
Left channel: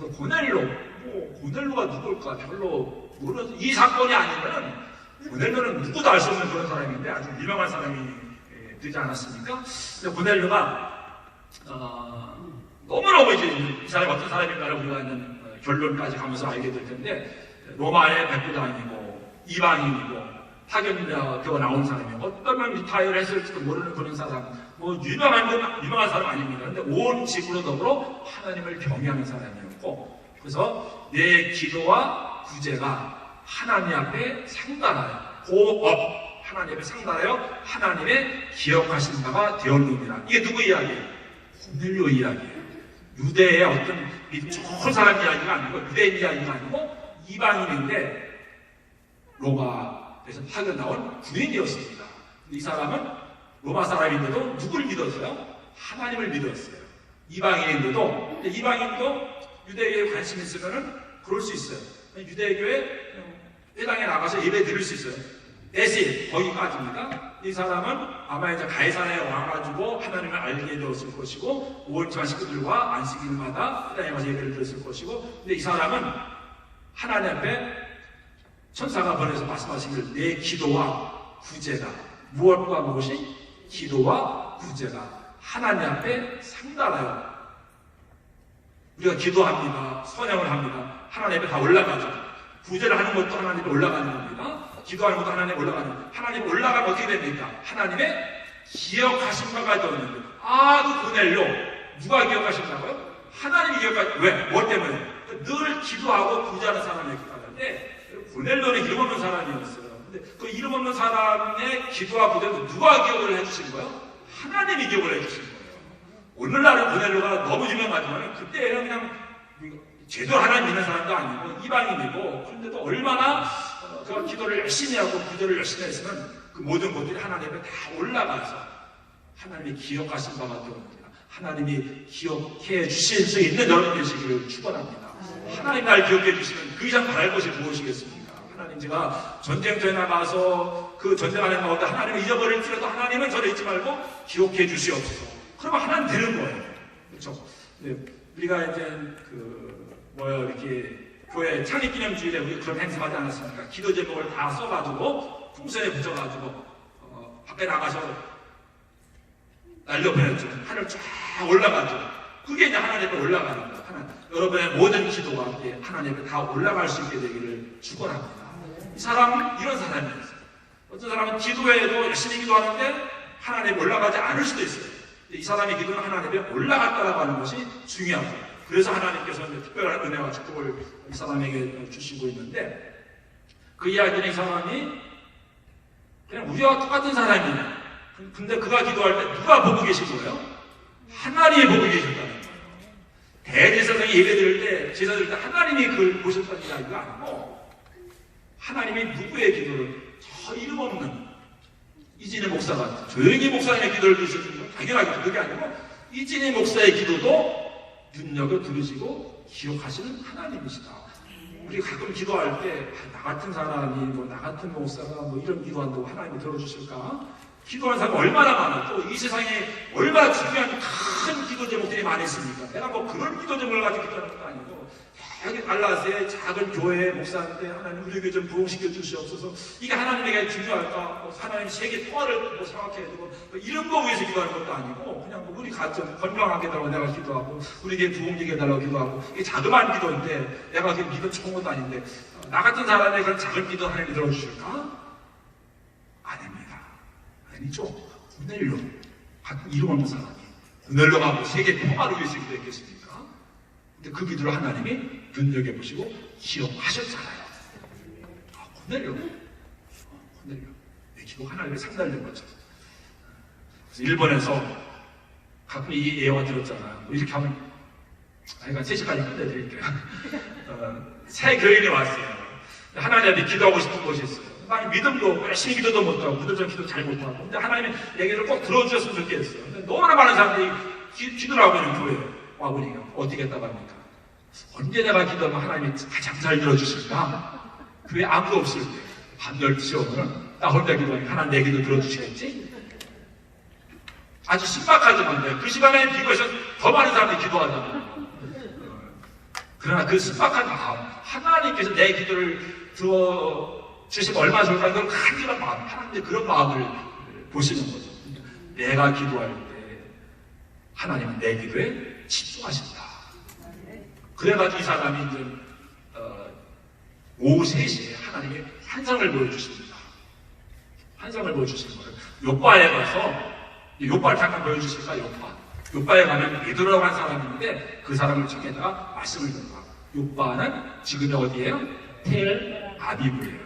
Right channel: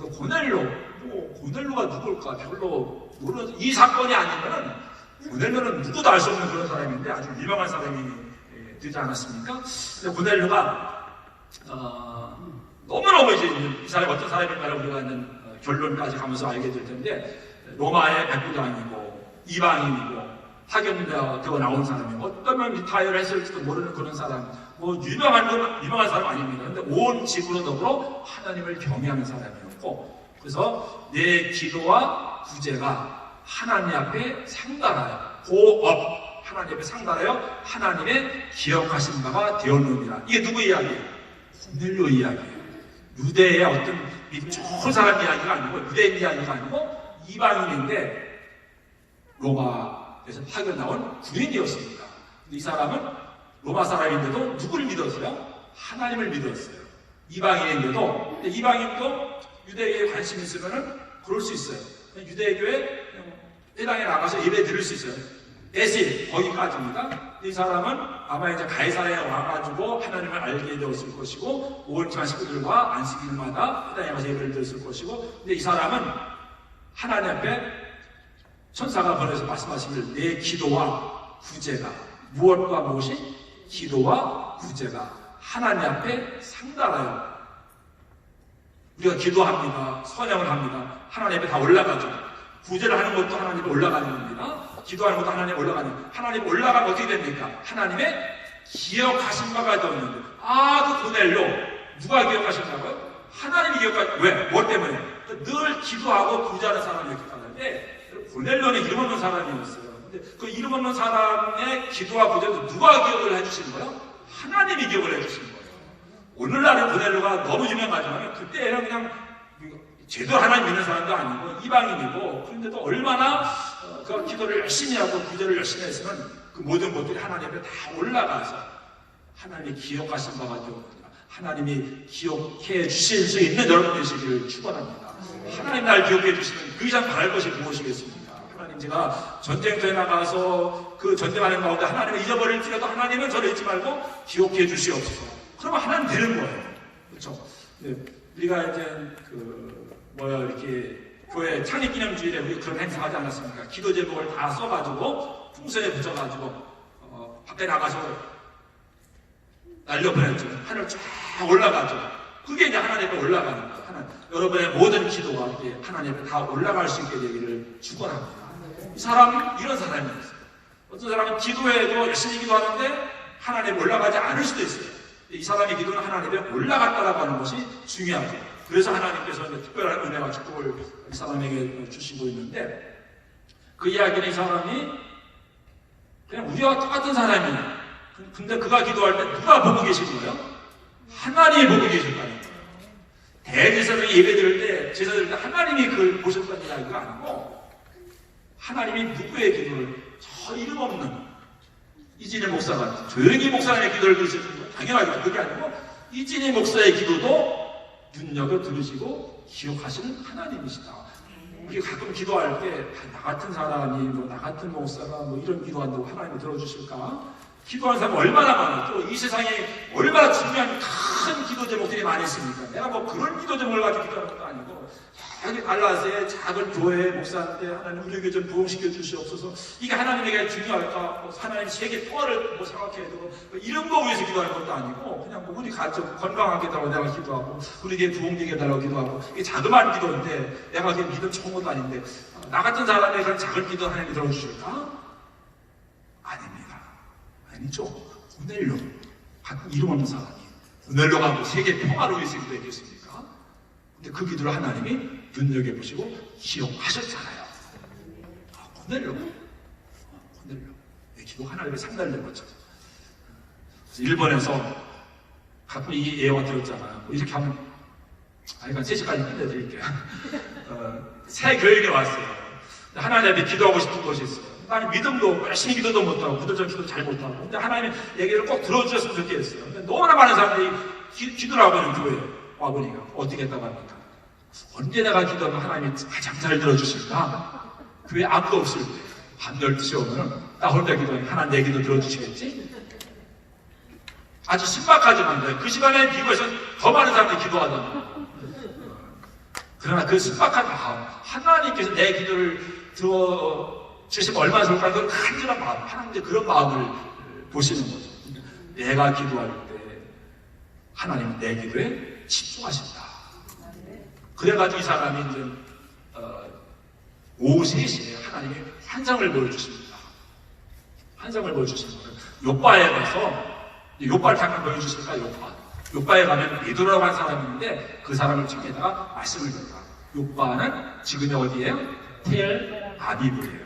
그 고넬료가 누굴까 별로 모르는, 이 사건이 아니면은 고넬료는 누구도 알 수 없는 그런 사람인데 아주 유명한 사람이 되지 않았습니까? 근데 고넬료가 너무너무 이제 이 사람이 어떤 사람인가를 우리가 있는 결론까지 가면서 알게 될 텐데, 로마의 백부장이고 이방인이고 파견되어 나온 사람이고 어떤 리타이어를 했을지도 모르는 그런 사람, 뭐 유명한 사람 아닙니다. 근데 온 지구로 더불어 하나님을 경외하는 사람이었고, 그래서 내 기도와 구제가 하나님 앞에 상달하여 고업 하나님 앞에 상달하여 하나님의 기억하신 바가 되었느니라. 이게 누구 이야기예요? 고넬료 이야기예요. 유대의 어떤 좋은 사람 이야기가 아니고, 유대인 이야기가 아니고 이방인인데 로마에서 파견 나온 군인이었습니다. 이 사람은 로마 사람인데도 누구를 믿었어요? 하나님을 믿었어요. 이방인인데도, 이방인도 유대교에 관심 있으면은 그럴 수 있어요. 유대교에 회당에 나가서 예배 드릴 수 있어요. 대신 거기까지입니다. 이 사람은 아마 이제 가이사랴에 와가지고 하나님을 알게 되었을 것이고, 5월절 식구들과 안식일마다 회당에 가서 예배를 드렸을 것이고, 근데 이 사람은 하나님 앞에 천사가 보내서 말씀하시길, 내 기도와 구제가, 무엇과 무엇이? 기도와 구제가 하나님 앞에 상달하여, 우리가 기도합니다, 선양을 합니다, 하나님 앞에 다 올라가죠. 구제를 하는 것도 하나님 앞에 올라가는 겁니다. 기도하는 것도 하나님 앞에 올라가는, 하나님 앞에 올라가면 어떻게 됩니까? 하나님의 기억하신 바가 되었는데, 그 고넬료 누가 기억하셨나고요? 하나님이 왜? 뭐 때문에? 늘 기도하고 구제하는 사람이었기 때문에. 고넬료는 이름 없는 사람이었어요. 근데 그 이름 없는 사람의 기도와 구제도 누가 기억을 해주신 거예요? 하나님이 기억을 해주신 거예요. 오늘날은 고넬료가 너무 유명하지만 그때는 그냥 제대로 하나님 믿는 사람도 아니고 이방인이고, 그런데도 얼마나 그 기도를 열심히 하고 구제를 열심히 했으면 그 모든 것들이 하나님 앞에 다 올라가서 하나님이 기억하신 바가 되옵니다. 하나님이 기억해 주실 수 있는 여러분 되시기를 축원합니다. 하나님 날 기억해 주시면 그 이상 바랄 것이 무엇이겠습니까? 하나님, 제가 전쟁터에 나가서 그 전쟁하는 가운데 하나님을 잊어버릴지라도 하나님은 저를 잊지 말고 기억해 주시옵소서. 그러면 하나님 되는 거예요. 그렇죠? 네, 우리가 이제 이렇게 교회 창립기념주일에 우리 그런 행사하지 않았습니까? 기도 제목을 다 써가지고 풍선에 붙여가지고 밖에 나가서 날려보냈죠. 하늘 쫙 올라가죠. 그게 이제 하나님 앞에 올라가는 거예요. 여러분의 모든 기도가 하나님 앞에 다 올라갈 수 있게 되기를 축원합니다. 이 사람이 이런 사람이었어요. 어떤 사람은 기도해도 열심히 기도하는데 하나님 앞에 올라가지 않을 수도 있어요. 이 사람의 기도는 하나님 앞에 올라갔다라고 하는 것이 중요하죠. 그래서 하나님께서 특별한 은혜와 축복을 이 사람에게 주시고 있는데, 그 이야기는 이 사람이 그냥 우리와 똑같은 사람이에요. 근데 그가 기도할 때 누가 보고 계신 거예요? 하나님이 보고 계셨다는 거예요. 대제사장이 예배 드릴 때, 제사 드릴 때 하나님이 그걸 보셨다는 이야기가 아니고, 하나님이 누구의 기도를, 저 이름 없는 이진희 목사가 조용히 목사님의 기도를 들으시는 건 당연하겠죠. 그게 아니고 이진희 목사의 기도도 눈여겨 들으시고 기억하시는 하나님이시다. 우리 가끔 기도할 때 나 같은 사람이 나 같은 목사가 이런 기도한다고 하나님이 들어주실까? 기도하는 사람이 얼마나 많아. 또 이 세상에 얼마나 중요한 큰 기도 제목들이 많이 있습니까? 내가 그런 기도 제목을 가지고 기도하는 것도 아니고, 여기 달라스의 작은 교회 목사한테 하나님 우리 교회 좀 부흥시켜 주시옵소서. 이게 하나님에게 중요할까? 하나님 세계 통화를 생각해야 되고, 이런 거 위해서 기도하는 것도 아니고, 그냥 우리 가정 건강하게 해달라고 내가 기도하고, 우리 교회 부흥되게 해달라고 기도하고, 이게 자그마한 기도인데, 내가 기도 좋은 것도 아닌데, 나 같은 사람의 그런 작은 기도 하나님이 들어주실까? 아닙니다. 아니죠. 고넬료 같은 이름 없는 사람이 고넬료가 세계 평화를 위해서 기도했겠습니까? 근데 그 기도를 하나님이 눈여겨보시고 기억하셨잖아요. 고넬료 내 기도 하나님의 상달된 거죠. 일본에서 가끔 이 예화 들었잖아요. 이렇게 하면 이건 3시까지 끝내드릴게요. 새 교인이 왔어요. 하나님한테 기도하고 싶은 것이 있어요. 나는 믿음도 열심히 기도도 못하고 구도적 기도 잘 못하고, 근데 하나님의 얘기를 꼭 들어주셨으면 좋겠어요. 근데 너무나 많은 사람들이 기도를 하고 있는 교회에 와보니까 어떻게 했다고 합니까? 언제 내가 기도하면 하나님이 가장 잘 들어주실까? 교회 아무도 없을 때 밤 12시 오면 나 혼자 기도하면 하나님 내 기도 들어주시겠지? 아주 신박하지만 그 시간에 비교해서 더 많은 사람들이 기도하잖아요. 그러나 그 신박한 마음, 하나님께서 내 기도를 들어주시면 얼마나 좋을까? 그 간절한 마음, 하나님의 그런 마음을 보시는 거죠. 내가 기도할 때 하나님은 내 기도에 집중하신다. 그래가지고 이 사람이 이제 오후 3시에 하나님의 환상을 보여주십니다. 환상을 보여주시는 거예요. 요바에 가서, 요바를 잠깐 보여주실까? 요바에 가면 베드로라고 하는 사람이 있는데 그 사람을 청에다가 말씀을 들어가. 요바는 지금이 어디예요? 텔 아비브예요.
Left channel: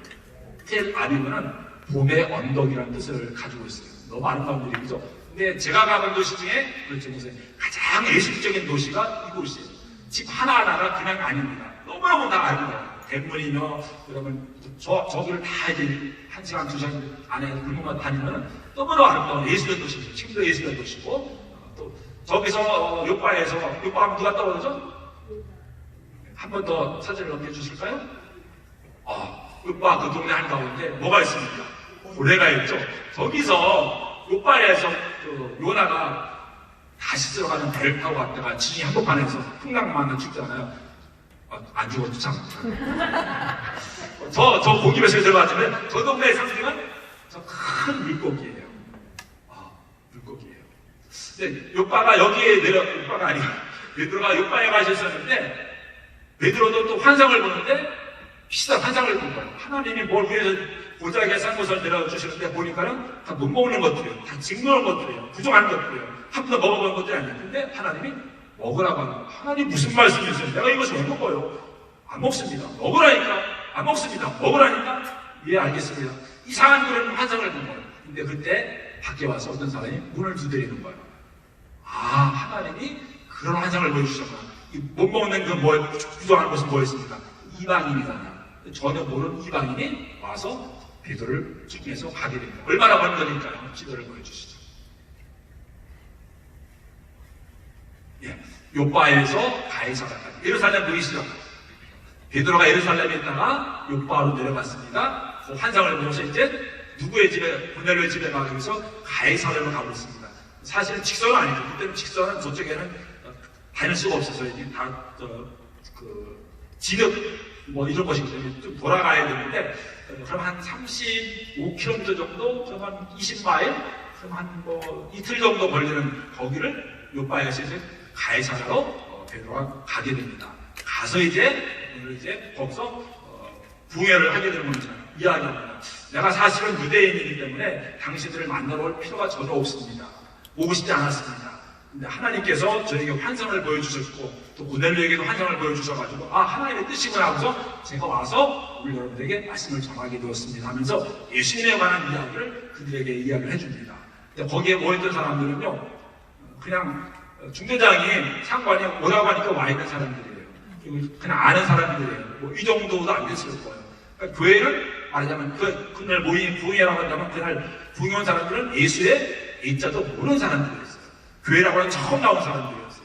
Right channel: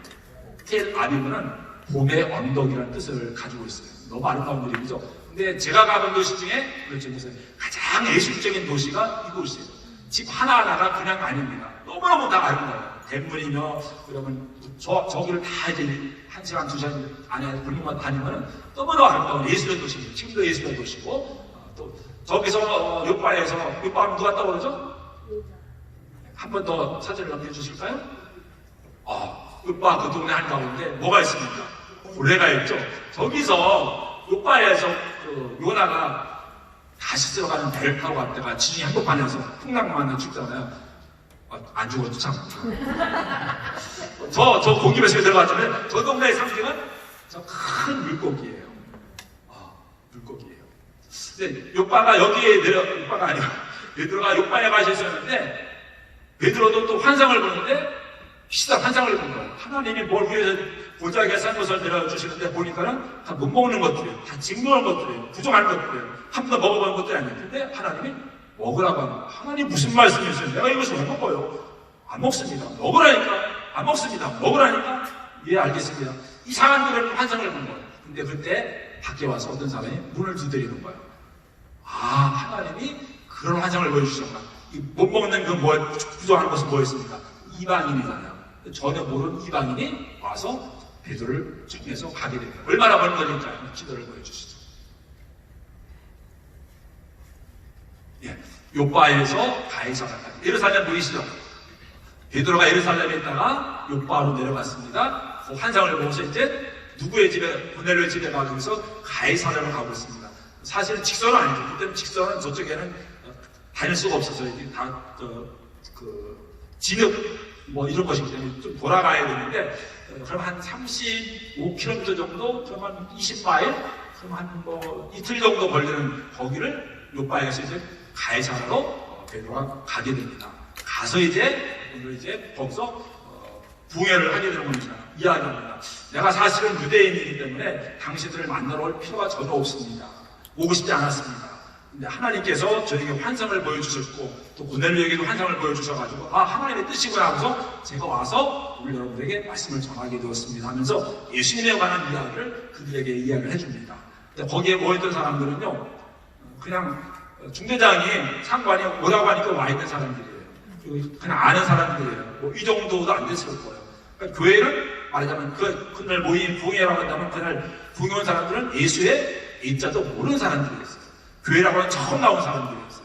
텔 아비브는 봄의 언덕이라는 뜻을 가지고 있어요. 너무 아름다운 이름이죠. 근데 제가 가본 도시 중에 그중에서 가장 예술적인 도시가 이곳이에요. 집 하나하나가 그냥 아닙니다. 너무너무 다 아름다워요. 대문이며 그러면 저기를 다 이제 1시간, 2시간 안에 불문만 다니면 너무너무 아름다운 예술의 도시입니다. 지금도 예술의 도시고 또 저기서 요바에서 요바하면 누가 떠오르죠? 한 번 더 사진을 넘겨주실까요? 요바 그 동네 한가운데 뭐가 있습니까? 고래가 있죠. 저기서 요바에서 그 요나가 다시 들어가는 배를 타고 갔다가 진이 한복판에서 풍랑만 죽잖아요. 안 죽어도 참. 저 고기배속에 들어갔는데 저 동네의 상징은 저 큰 물고기예요. 물고기예요. 근데 요바가 여기에 요바가 아니고 베드로가 요바에 가셨었는데 베드로도 또 환상을 보는데 비슷한 환상을 본 거예요. 하나님이 뭘 위해서 보자기에 산 것을 내려주시는데 보니까는 다 못 먹는 것들이에요. 다 징그러운 것들이에요. 부정한 것들이에요. 한 번도 먹어보는 것들이 아니에요. 근데 하나님이 먹으라고 하는 거예요. 하나님 무슨 말씀이세요? 내가 이것을 왜 먹어요? 안 먹습니다. 먹으라니까. 안 먹습니다. 먹으라니까. 예, 알겠습니다. 이상한 그런 환상을 본 거예요. 근데 그때 밖에 와서 어떤 사람이 문을 두드리는 거예요. 하나님이 그런 환상을 보여주셨구나. 못 먹는 그 부정한 것은 뭐였습니까? 이방인이잖아요. 전혀 모르는 이방인이 와서 베드로를 통해서 가게 됩니다. 얼마나 번거니까요. 기도를 보여주시죠. 예, 요바에서 가이사라까지. 예루살렘 보이시죠? 베드로가 예루살렘에 있다가 요바로 내려갔습니다. 그 환상을 보면서 이제 누구의 집에, 고넬료의 집에 가기 위해서 가이사라로 가고 있습니다. 사실은 직선은 아니죠. 그때는 직선은 저쪽에는 다닐 수가 없어서 다 지력 뭐 이런 것이기 때문에 좀 돌아가야 되는데 그럼 한 35km 정도, 그럼 한 20마일, 그럼 한 뭐 이틀 정도 걸리는 거기를 요바에서 이제 가이사라로 베드로가 가게 됩니다. 가서 이제 거기서 부흥회를 하게 되는 겁니다. 이야기합니다. 내가 사실은 유대인이기 때문에 당신들을 만나러 올 필요가 전혀 없습니다. 오고 싶지 않았습니다. 근데 하나님께서 저에게 환상을 보여주셨고 또 고넬료에게도 환상을 보여주셔가지고 하나님의 뜻이구나 하고서 제가 와서 우리 여러분들에게 말씀을 전하게 되었습니다 하면서 예수님에 관한 이야기를 그들에게 이야기를 해줍니다. 근데 거기에 모였던 사람들은요 그냥 중대장이 상관이 오라고 하니까 와 있는 사람들이에요. 그냥 아는 사람들이에요. 뭐 이 정도도 안 됐을 거예요. 그러니까 교회는 말하자면 그날 모인 부흥회라고 한다면 그날 부흥회 온 사람들은 예수의 일자도 모르는 사람들이었어요. 교회라고 하는 처음 나온 사람들이었어요.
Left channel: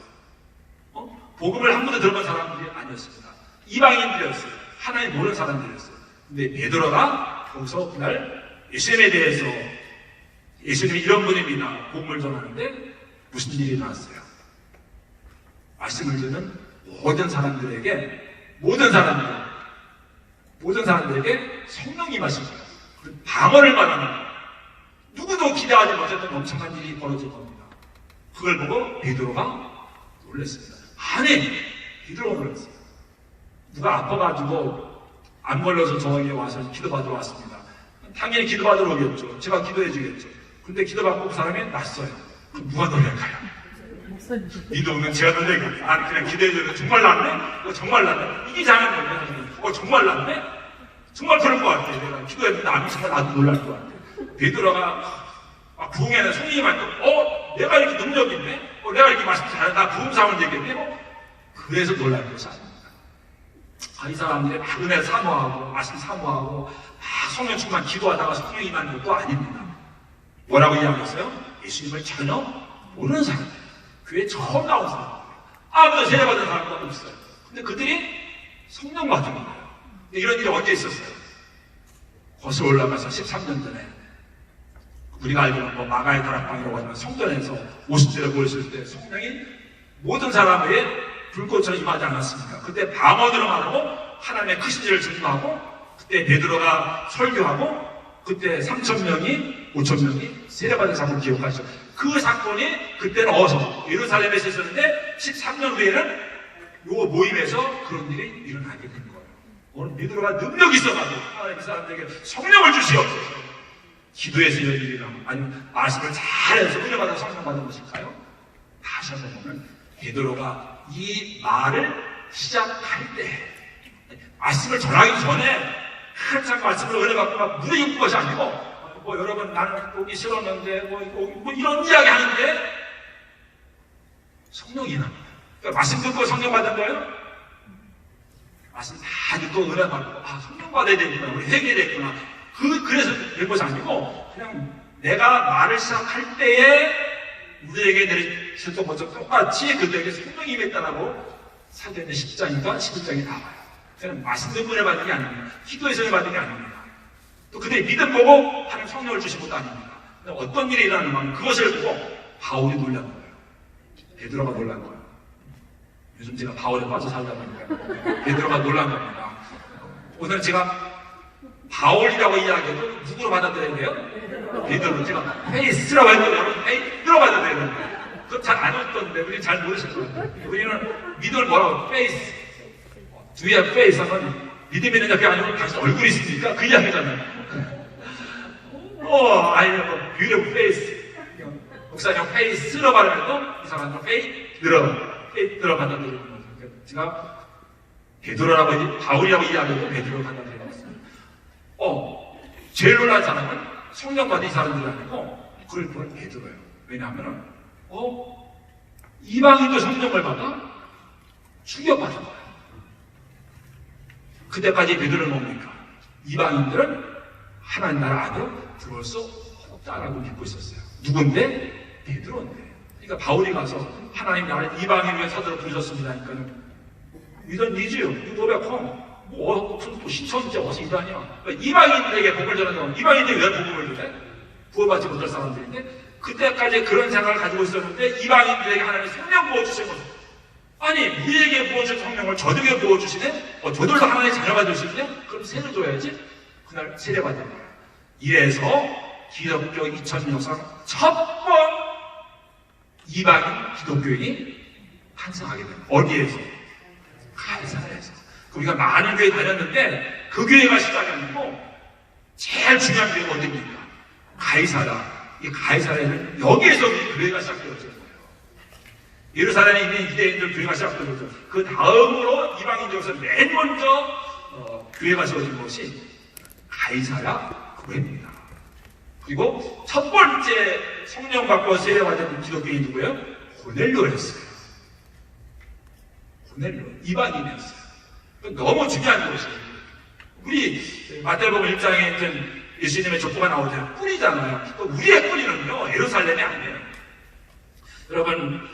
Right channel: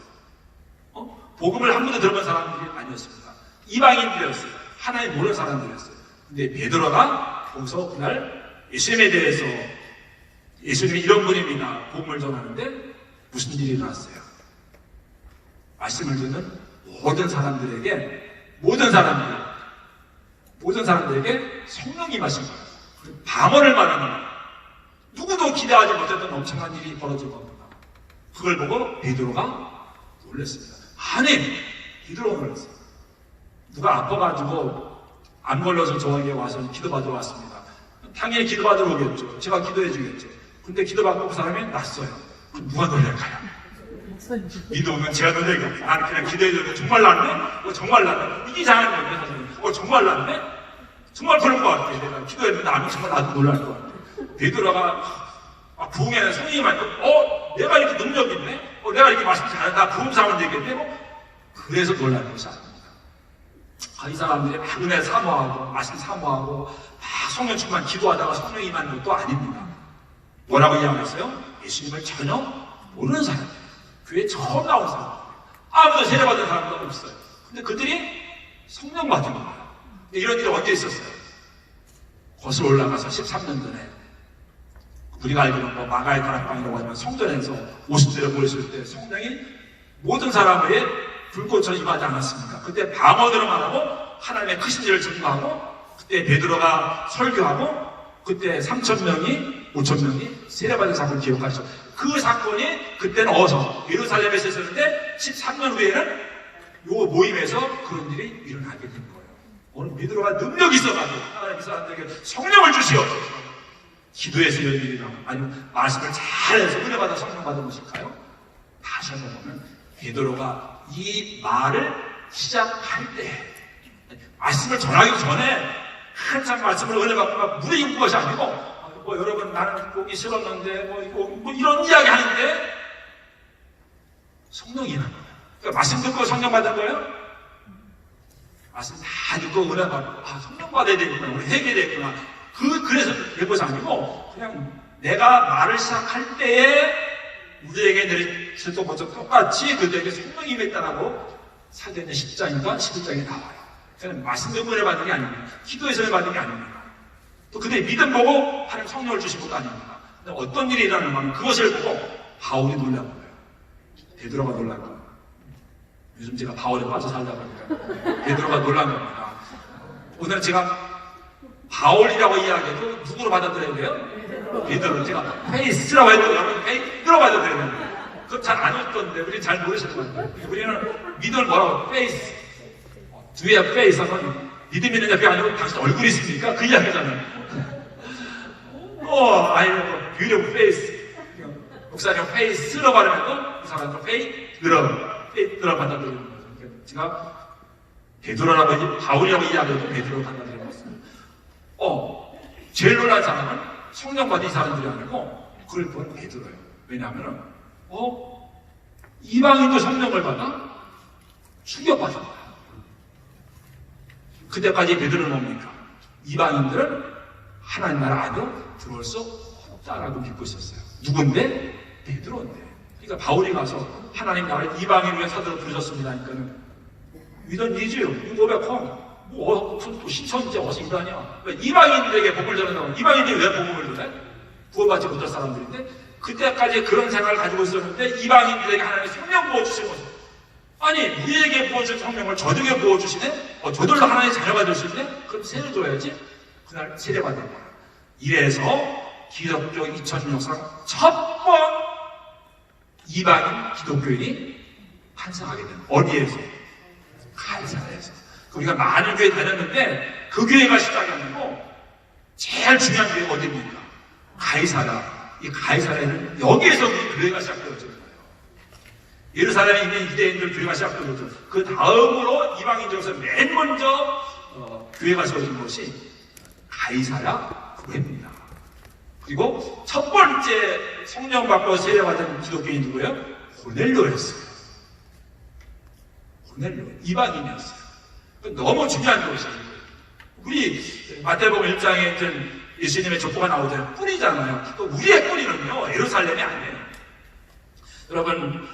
복음을 한 번도 들어본 사람들이 아니었습니다. 이방인들이었어요. 하나님 모르는 사람들이었어요. 근데 베드로가 거기서 그날 예수님에 대해서 예수님이 이런 분입니다. 복음을 전하는데 무슨 일이 일어났어요? 말씀을 듣는 모든 사람들에게 성령이 임하신 거예요. 방언을 말하는 거예요. 누구도 기대하지 못했던 엄청난 일이 벌어진 겁니다. 그걸 보고 베드로가 놀랐습니다. 베드로가 놀랐어요. 누가 아파가지고 안 걸려서 저에게 와서 기도받으러 왔습니다. 당연히 기도받으러 오겠죠. 제가 기도해 주겠죠. 근데 기도받고 그 사람이 났어요. 그럼 누가 놀랄까요? 이동은 제가 놀랄까요? 그냥 기도해 주는 정말 났네? 정말 났네? 이게 이상한 건데 정말 났네? 정말 그런 것 같아. 내가 기도했는데 아니 정말 나도 놀랄 것 같아. 베드로가 부흥회는 성령님한테 내가 이렇게 능력이 있네? 내가 이렇게 말씀 잘한다. 부흥 사원 되겠네? 그래서 놀랄 것이 아닙니다. 이 사람들이 막 은혜 사모하고 말씀 사모하고 막 성령 충만 기도하다가 성령 임하는 것도 아닙니다. 뭐라고 이야기했어요? 예수님을 전혀 모르는 사람, 교회에 처음 나온 사람, 아무도 세례받은 사람도 없어요. 근데 그들이 성령 받은 거예요. 이런 일이 언제 있었어요? 거슬러 올라가서 13년 전에 우리가 알기로는 뭐 마가의 다락방이라고 하지만 성전에서 50대를 모였을 때 성령이 모든 사람에게 불꽃처럼 임하지 않았습니까? 그때 방언으로 말하고 하나님의 크신 일을 증거하고 그때 베드로가 설교하고 그때 3,000명이 5,000명이 세례받은 사건을 기억하시죠. 그 사건이 그때는 어서 예루살렘에서 있었는데 13년 후에는 요 모임에서 그런 일이 일어나게 된 거예요. 오늘 베드로가 능력이 있어가지고 하나님 이 사람들에게 성령을 주시옵소서. 기도해서 이런 일이나 아니면 말씀을 잘해서 은혜받아 성령 받은 것일까요? 다시 한번 보면 베드로가 이 말을 시작할 때 말씀을 전하기 전에 한참 말씀을 은혜받고 막 무리입는 것이 아니고 뭐 여러분 나는 보기 싫었는데 뭐 이런 이야기 하는데 성령이 임한 거예요. 그러니까 말씀 듣고 성령 받은 거예요? 말씀 다 듣고 은혜 받고 성령 받아야 되겠구나 우리 회개해야 되겠구나 그래서 된 것이 아니고 그냥 내가 말을 시작할 때에 우리에게 내릴 것도 먼저 똑같이 그들에게 성령이 임했다라고 사도행전 10장인가 11장에 나와요. 저는 말씀 듣고 은혜 받는 게 아닙니다. 기도해서 은혜 받는 게 아닙니다. 또 그들이 믿음 보고 하나님 성령을 주신 것도 아닙니다. 근데 어떤 일이 일어나는 그것을 보고 바울이 놀란 거예요. 베드로가 놀란 거예요. 요즘 제가 바울에 빠져 살다 보니까 베드로가 놀란 겁니다. 오늘 제가 바울이라고 이야기해도 누구로 받아들여야 돼요? 베드로. 제가 페이스라고 해도 여러분 페이스로 받아들여야 돼요. 그거 잘 안 웃던데 우리 잘 모르실 거예요. 우리는 믿음을 뭐라고? 페이스. 주위에 페이스 하면 믿음 있는 자가 아니고 당신 얼굴이 있습니까? 그 이야기잖아요. beautiful face. 목사님 페이스로 발음해도 이 사람은 페이스로 받아들이는 거죠. 그러니까 제가 베드로라고 바울이라고 이야기해도 베드로 받아들이는 거예요. 제일 놀란 사람은 성령 받은 사람들이 아니고 그걸 보는 베드로예요. 왜냐하면 이방인도 성령을 받아 충격받은 거예요. 그때까지 베드로는 뭡니까? 이방인들은 하나님 나라 안으로 들어올 수 없다라고 믿고 있었어요. 누군데? 베드로인데. 그러니까 바울이 가서 하나님 나라를 이방인 위해 서들어 부르셨습니다. 그러니까 이런 니즈요. 고백홈. 신천지 어서 이단이야. 그러니까 이방인들에게 복을 전하는 사람, 이방인들이 왜 복음을 전해? 구원받지 못할 사람들인데 그때까지 그런 생각을 가지고 있었는데 이방인들에게 하나님이 성령 부어주신 거죠. 아니 우리에게 부어준 성령을 저들에게 부어주시네? 저들도 하나님의 자녀가 될 수 있네? 그럼 세례 줘야지. 그날 세례받은 거야. 이래서 기독교 2000년 역사 첫 번 이방인 기독교인이 탄생하게 된 어디에서? 가이사랴에서. 우리가 많은 교회 다녔는데 그 교회가 시작이 아니고 제일 중요한 교회가 어디입니까? 가이사랴. 이 가이사랴는 여기에서 교회가 시작되어진 거예요. 예루살렘에 있는 유대인들 교회가 시작되어졌죠. 그 다음으로 이방인 중에서 맨 먼저 교회가 세워진 것이 가이사랴 교회입니다. 그리고 첫 번째 성령 받고 세례받은 기독교인이 누구예요? 고넬료였어요. 고넬료 이방인이었어요. 너무 중요한 것이에요. 우리 마태복음 1장에 이제 예수님의 족보가 나오잖아요. 뿌리잖아요. 또 우리의 뿌리는요 예루살렘이 아니에요. 여러분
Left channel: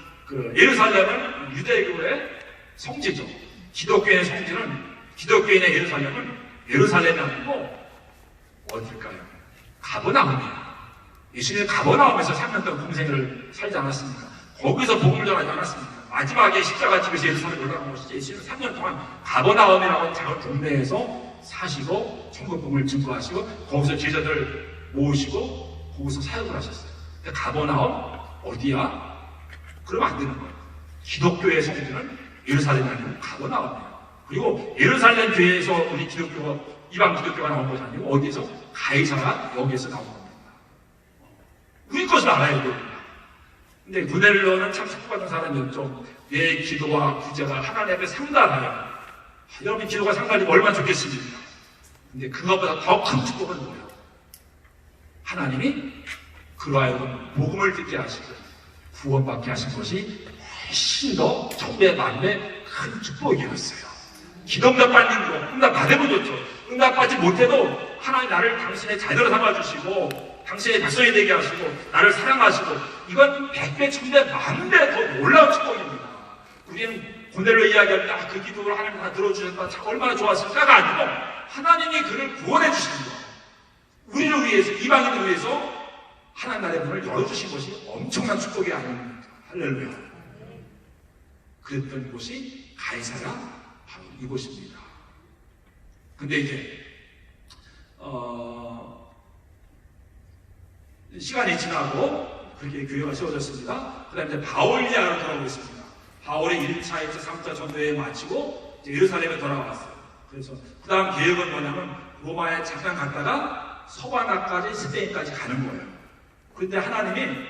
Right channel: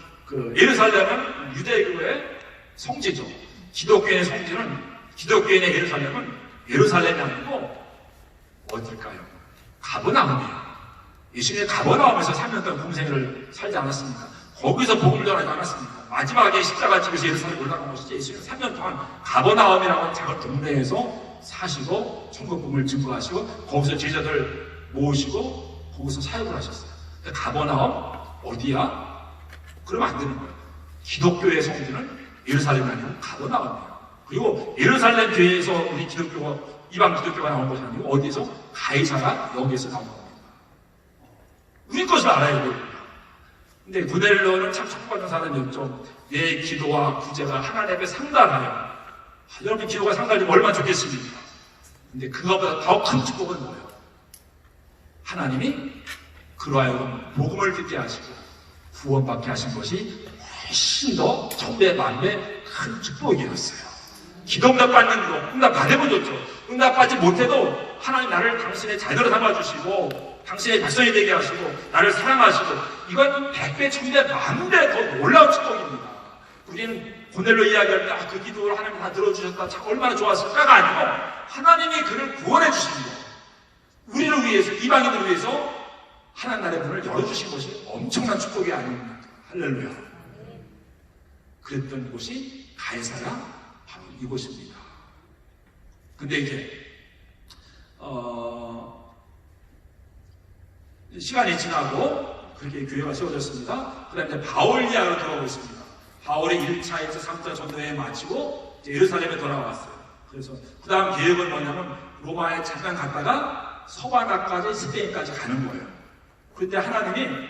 예루살렘은 유대교의 성지죠. 기독교의 성지는 기독교인의 예루살렘은 예루살렘이 아니고 어딜까요? 가버나움이에요. 예수님의 가버나움에서 3년 동안 공생을 살지 않았습니까? 거기서 복음을 전하지 않았습니까? 마지막에 십자가 지고서 예루살렘 올라간 것이지 예수님은 3년 동안 가버나움이라는 작은 동네에서 사시고 천국복음을 증거하시고 거기서 제자들 모으시고 거기서 사역을 하셨어요. 근데 가버나움 어디야? 그러면 안 되는 거예요. 기독교의 성지는 예루살렘이 아니고 가버나움이에요. 그리고 예루살렘 교회에서 우리 기독교가 이방 기독교가 나온 것이 아니고 어디서? 가이사랴 여기에서 나온 겁니다. 우리 것을 알아야 됩니다. 근데 고넬료는 참 축복받는 사람이었죠. 내 기도와 구제가 하나님 앞에 상달하여 여러분 기도가 상달되면 얼마나 좋겠습니까? 근데 그것보다 더 큰 축복은 뭐예요? 하나님이 그로 하여금 복음을 듣게 하시고 구원받게 하신 것이 훨씬 더 천배 만배 큰 축복이었어요. 기도응답 받는 거, 응답 받으면 좋죠. 응답 받지 못해도 하나님 나를 당신의 자녀로 삼아주시고 당신의 백성이 되게 하시고 나를 사랑하시고 이건 100배, 1000배, 만배 더 놀라운 축복입니다. 우리는 고넬로 이야기할 때 그 기도를 하나님 다 들어주셨다, 참 얼마나 좋았을까가 아니고 하나님이 그를 구원해 주신 거, 우리를 위해서, 이방인을 위해서 하나님 나라의 문을 열어주신 것이 엄청난 축복이 아닙니까? 할렐루야. 그랬던 곳이 가이사랴, 바로 이곳입니다. 근데 이제 시간이 지나고 그렇게 교회가 세워졌습니다. 그 다음에 바울 이야기로 돌아오고 있습니다. 바울의 1차, 2차, 3차 전도여행 마치고 이제 예루살렘에 돌아왔어요. 그래서 그 다음 계획은 뭐냐면 로마에 잠깐 갔다가 서바나까지 스페인까지 가는 거예요. 그때 하나님이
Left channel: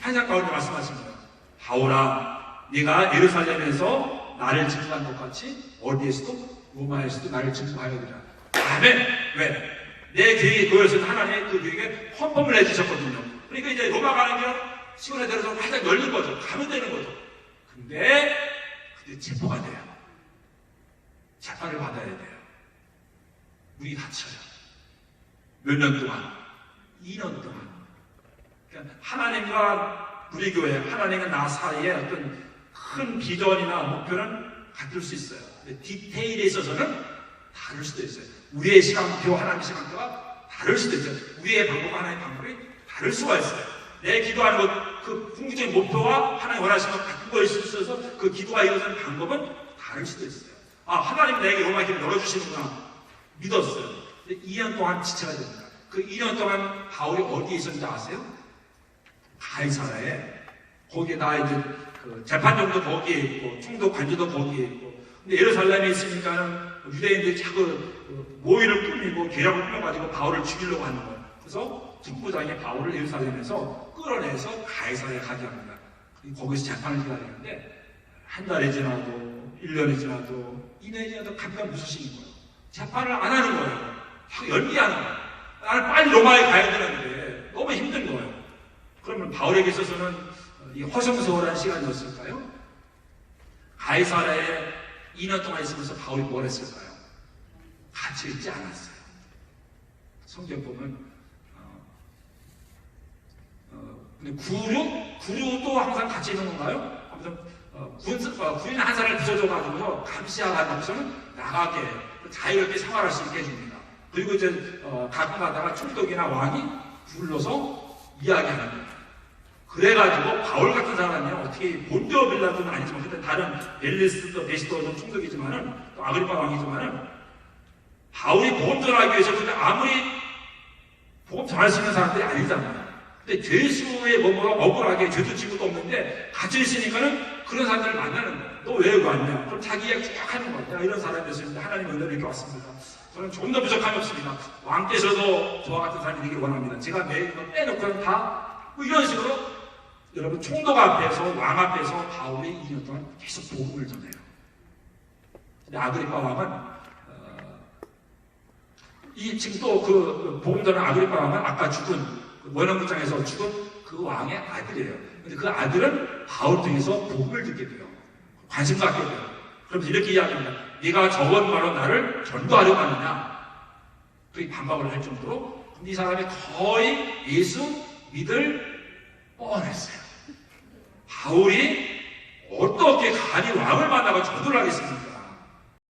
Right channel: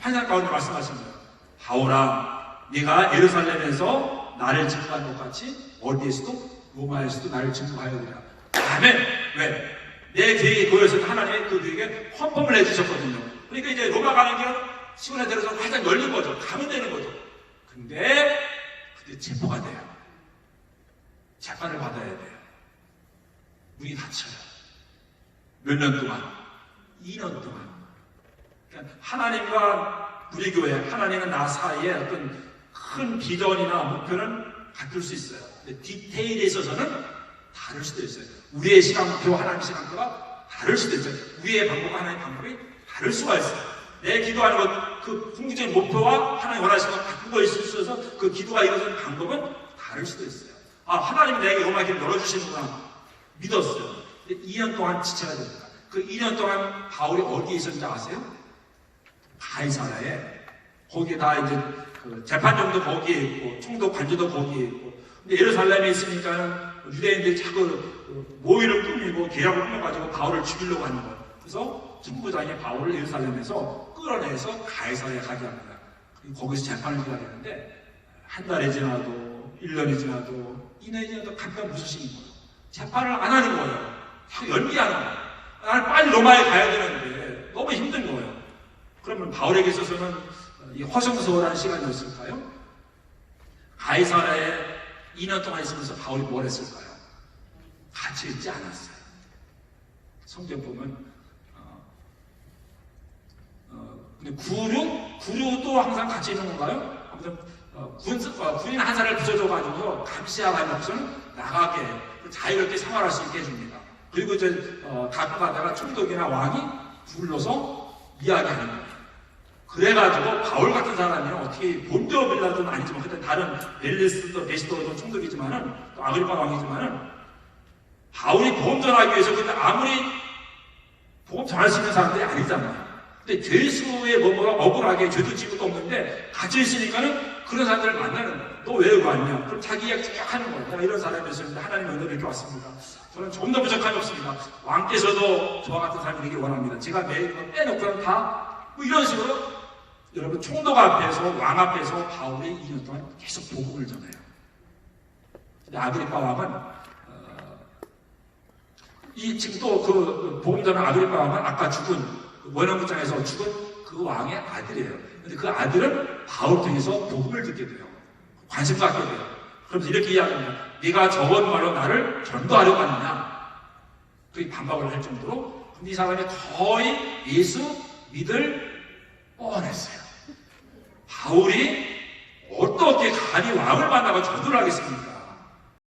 환상 가운데 말씀하신 거예요. 바울아, 네가 예루살렘에서 나를 증거한 것 같이 어디에서도 로마에서도 나를 증거하여야 되라. 아멘. 왜? 내 계획이 그거였을 하나님이 그 계획에 헌법을 해주셨거든요. 그러니까 이제 로마 가는 길은 시간에 들어서 활짝 열린 거죠. 가면 되는 거죠. 근데 그때 체포가 돼요. 재판을 받아야 돼요. 문이 닫혀요. 몇 년 동안? 2년 동안. 그러니까 하나님과 우리 교회, 하나님과 나 사이에 어떤 큰 비전이나 목표는 같을 수 있어요. 디테일에 있어서는 다를 수도 있어요. 우리의 시간표, 하나님의 시간표가 다를 수도 있어요. 우리의 방법과 하나님의 방법이 다를 수가 있어요. 내 기도하는 것, 그 궁극적인 목표와 하나님 원하시는 것 같은 거일 수 있어서 그 기도가 이루어지는 방법은 다를 수도 있어요. 아, 하나님 내게 로마 길을 열어주시는구나 믿었어요. 근데 2년 동안 지체가 됩니다. 그 2년 동안 바울이 어디에 있었는지 아세요? 가이사랴에. 거기에 다 이제 그 재판정도 거기에 있고 총독 관저도 거기에 있고. 근데 예루살렘에 있으니까는 유대인들이 자꾸 모의를 꾸미고 계략을 꾸며가지고 바울을 죽이려고 하는 거예요. 그래서 총무장이 바울을 예루살렘에서 끌어내서 가이사랴에 가게 합니다. 거기서 재판을 기다리는데 한 달이 지나도 1년이 지나도 2년이 지나도 감당 무서시는 거예요. 재판을 안 하는 거예요. 연기하는 거예요. 나는 빨리 로마에 가야 되는데 너무 힘든 거예요. 그러면 바울에게 있어서는 이 허송세월한 시간이었을까요? 가이사랴에 2년 동안 있으면서 바울이 뭘 했을까요? 같이 있지 않았어요. 성경 보면 근데 구류도 항상 같이 있는 건가요? 아무튼 군인 한 사람을 붙여줘가지고 감시하면서는 나가게 자유롭게 생활할 수 있게 해줍니다. 그리고 이제 가끔 가다가 총독이나 왕이 불러서 이야기하는 거예요. 그래가지고 바울 같은 사람이 어떻게 본디오 빌라도는 아니지만 그때 다른 벨리스도 베시도는 총독이지만은 또 아그리파 왕이지만은 바울이 복음 전하기 위해서 근데 아무리 복음 전할 수 있는 사람들이 아니잖아요. 근데 죄수의 몸으로 억울하게 죄도 지은 것도 없는데 갇혀 있으니까는 그런 사람들을 만나는 거예요. 너 왜 여기 왔냐? 그럼 자기 이야기 쭉 하는 거예요. 내가 이런 사람이었는데 하나님 은혜로 이렇게 왔습니다. 저는 조금 더 부족함이 없습니다. 왕께서도 저와 같은 사람이 되기 원합니다. 제가 매일 빼놓고는 다 뭐 이런 식으로 여러분 총독 앞에서 왕 앞에서 바울이 2년 동안 계속 복음을 전해요. 근데 아그리파 왕은 이 지금 또 그 복음 전하는 아그리파 왕은 아까 죽은 원형극장에서 죽은 그 왕의 아들이에요. 근데 그 아들은 바울 통해서 복음을 듣게 돼요. 관심 갖게 돼요. 그럼 이렇게 이야기합니다. 네가 저번 말로 나를 전도하려고 하느냐? 그렇게 반박을 할 정도로 이 사람이 거의 예수 믿을 뻔했어요. 바울이 어떻게 간이 왕을 만나고 전도를 하겠습니까?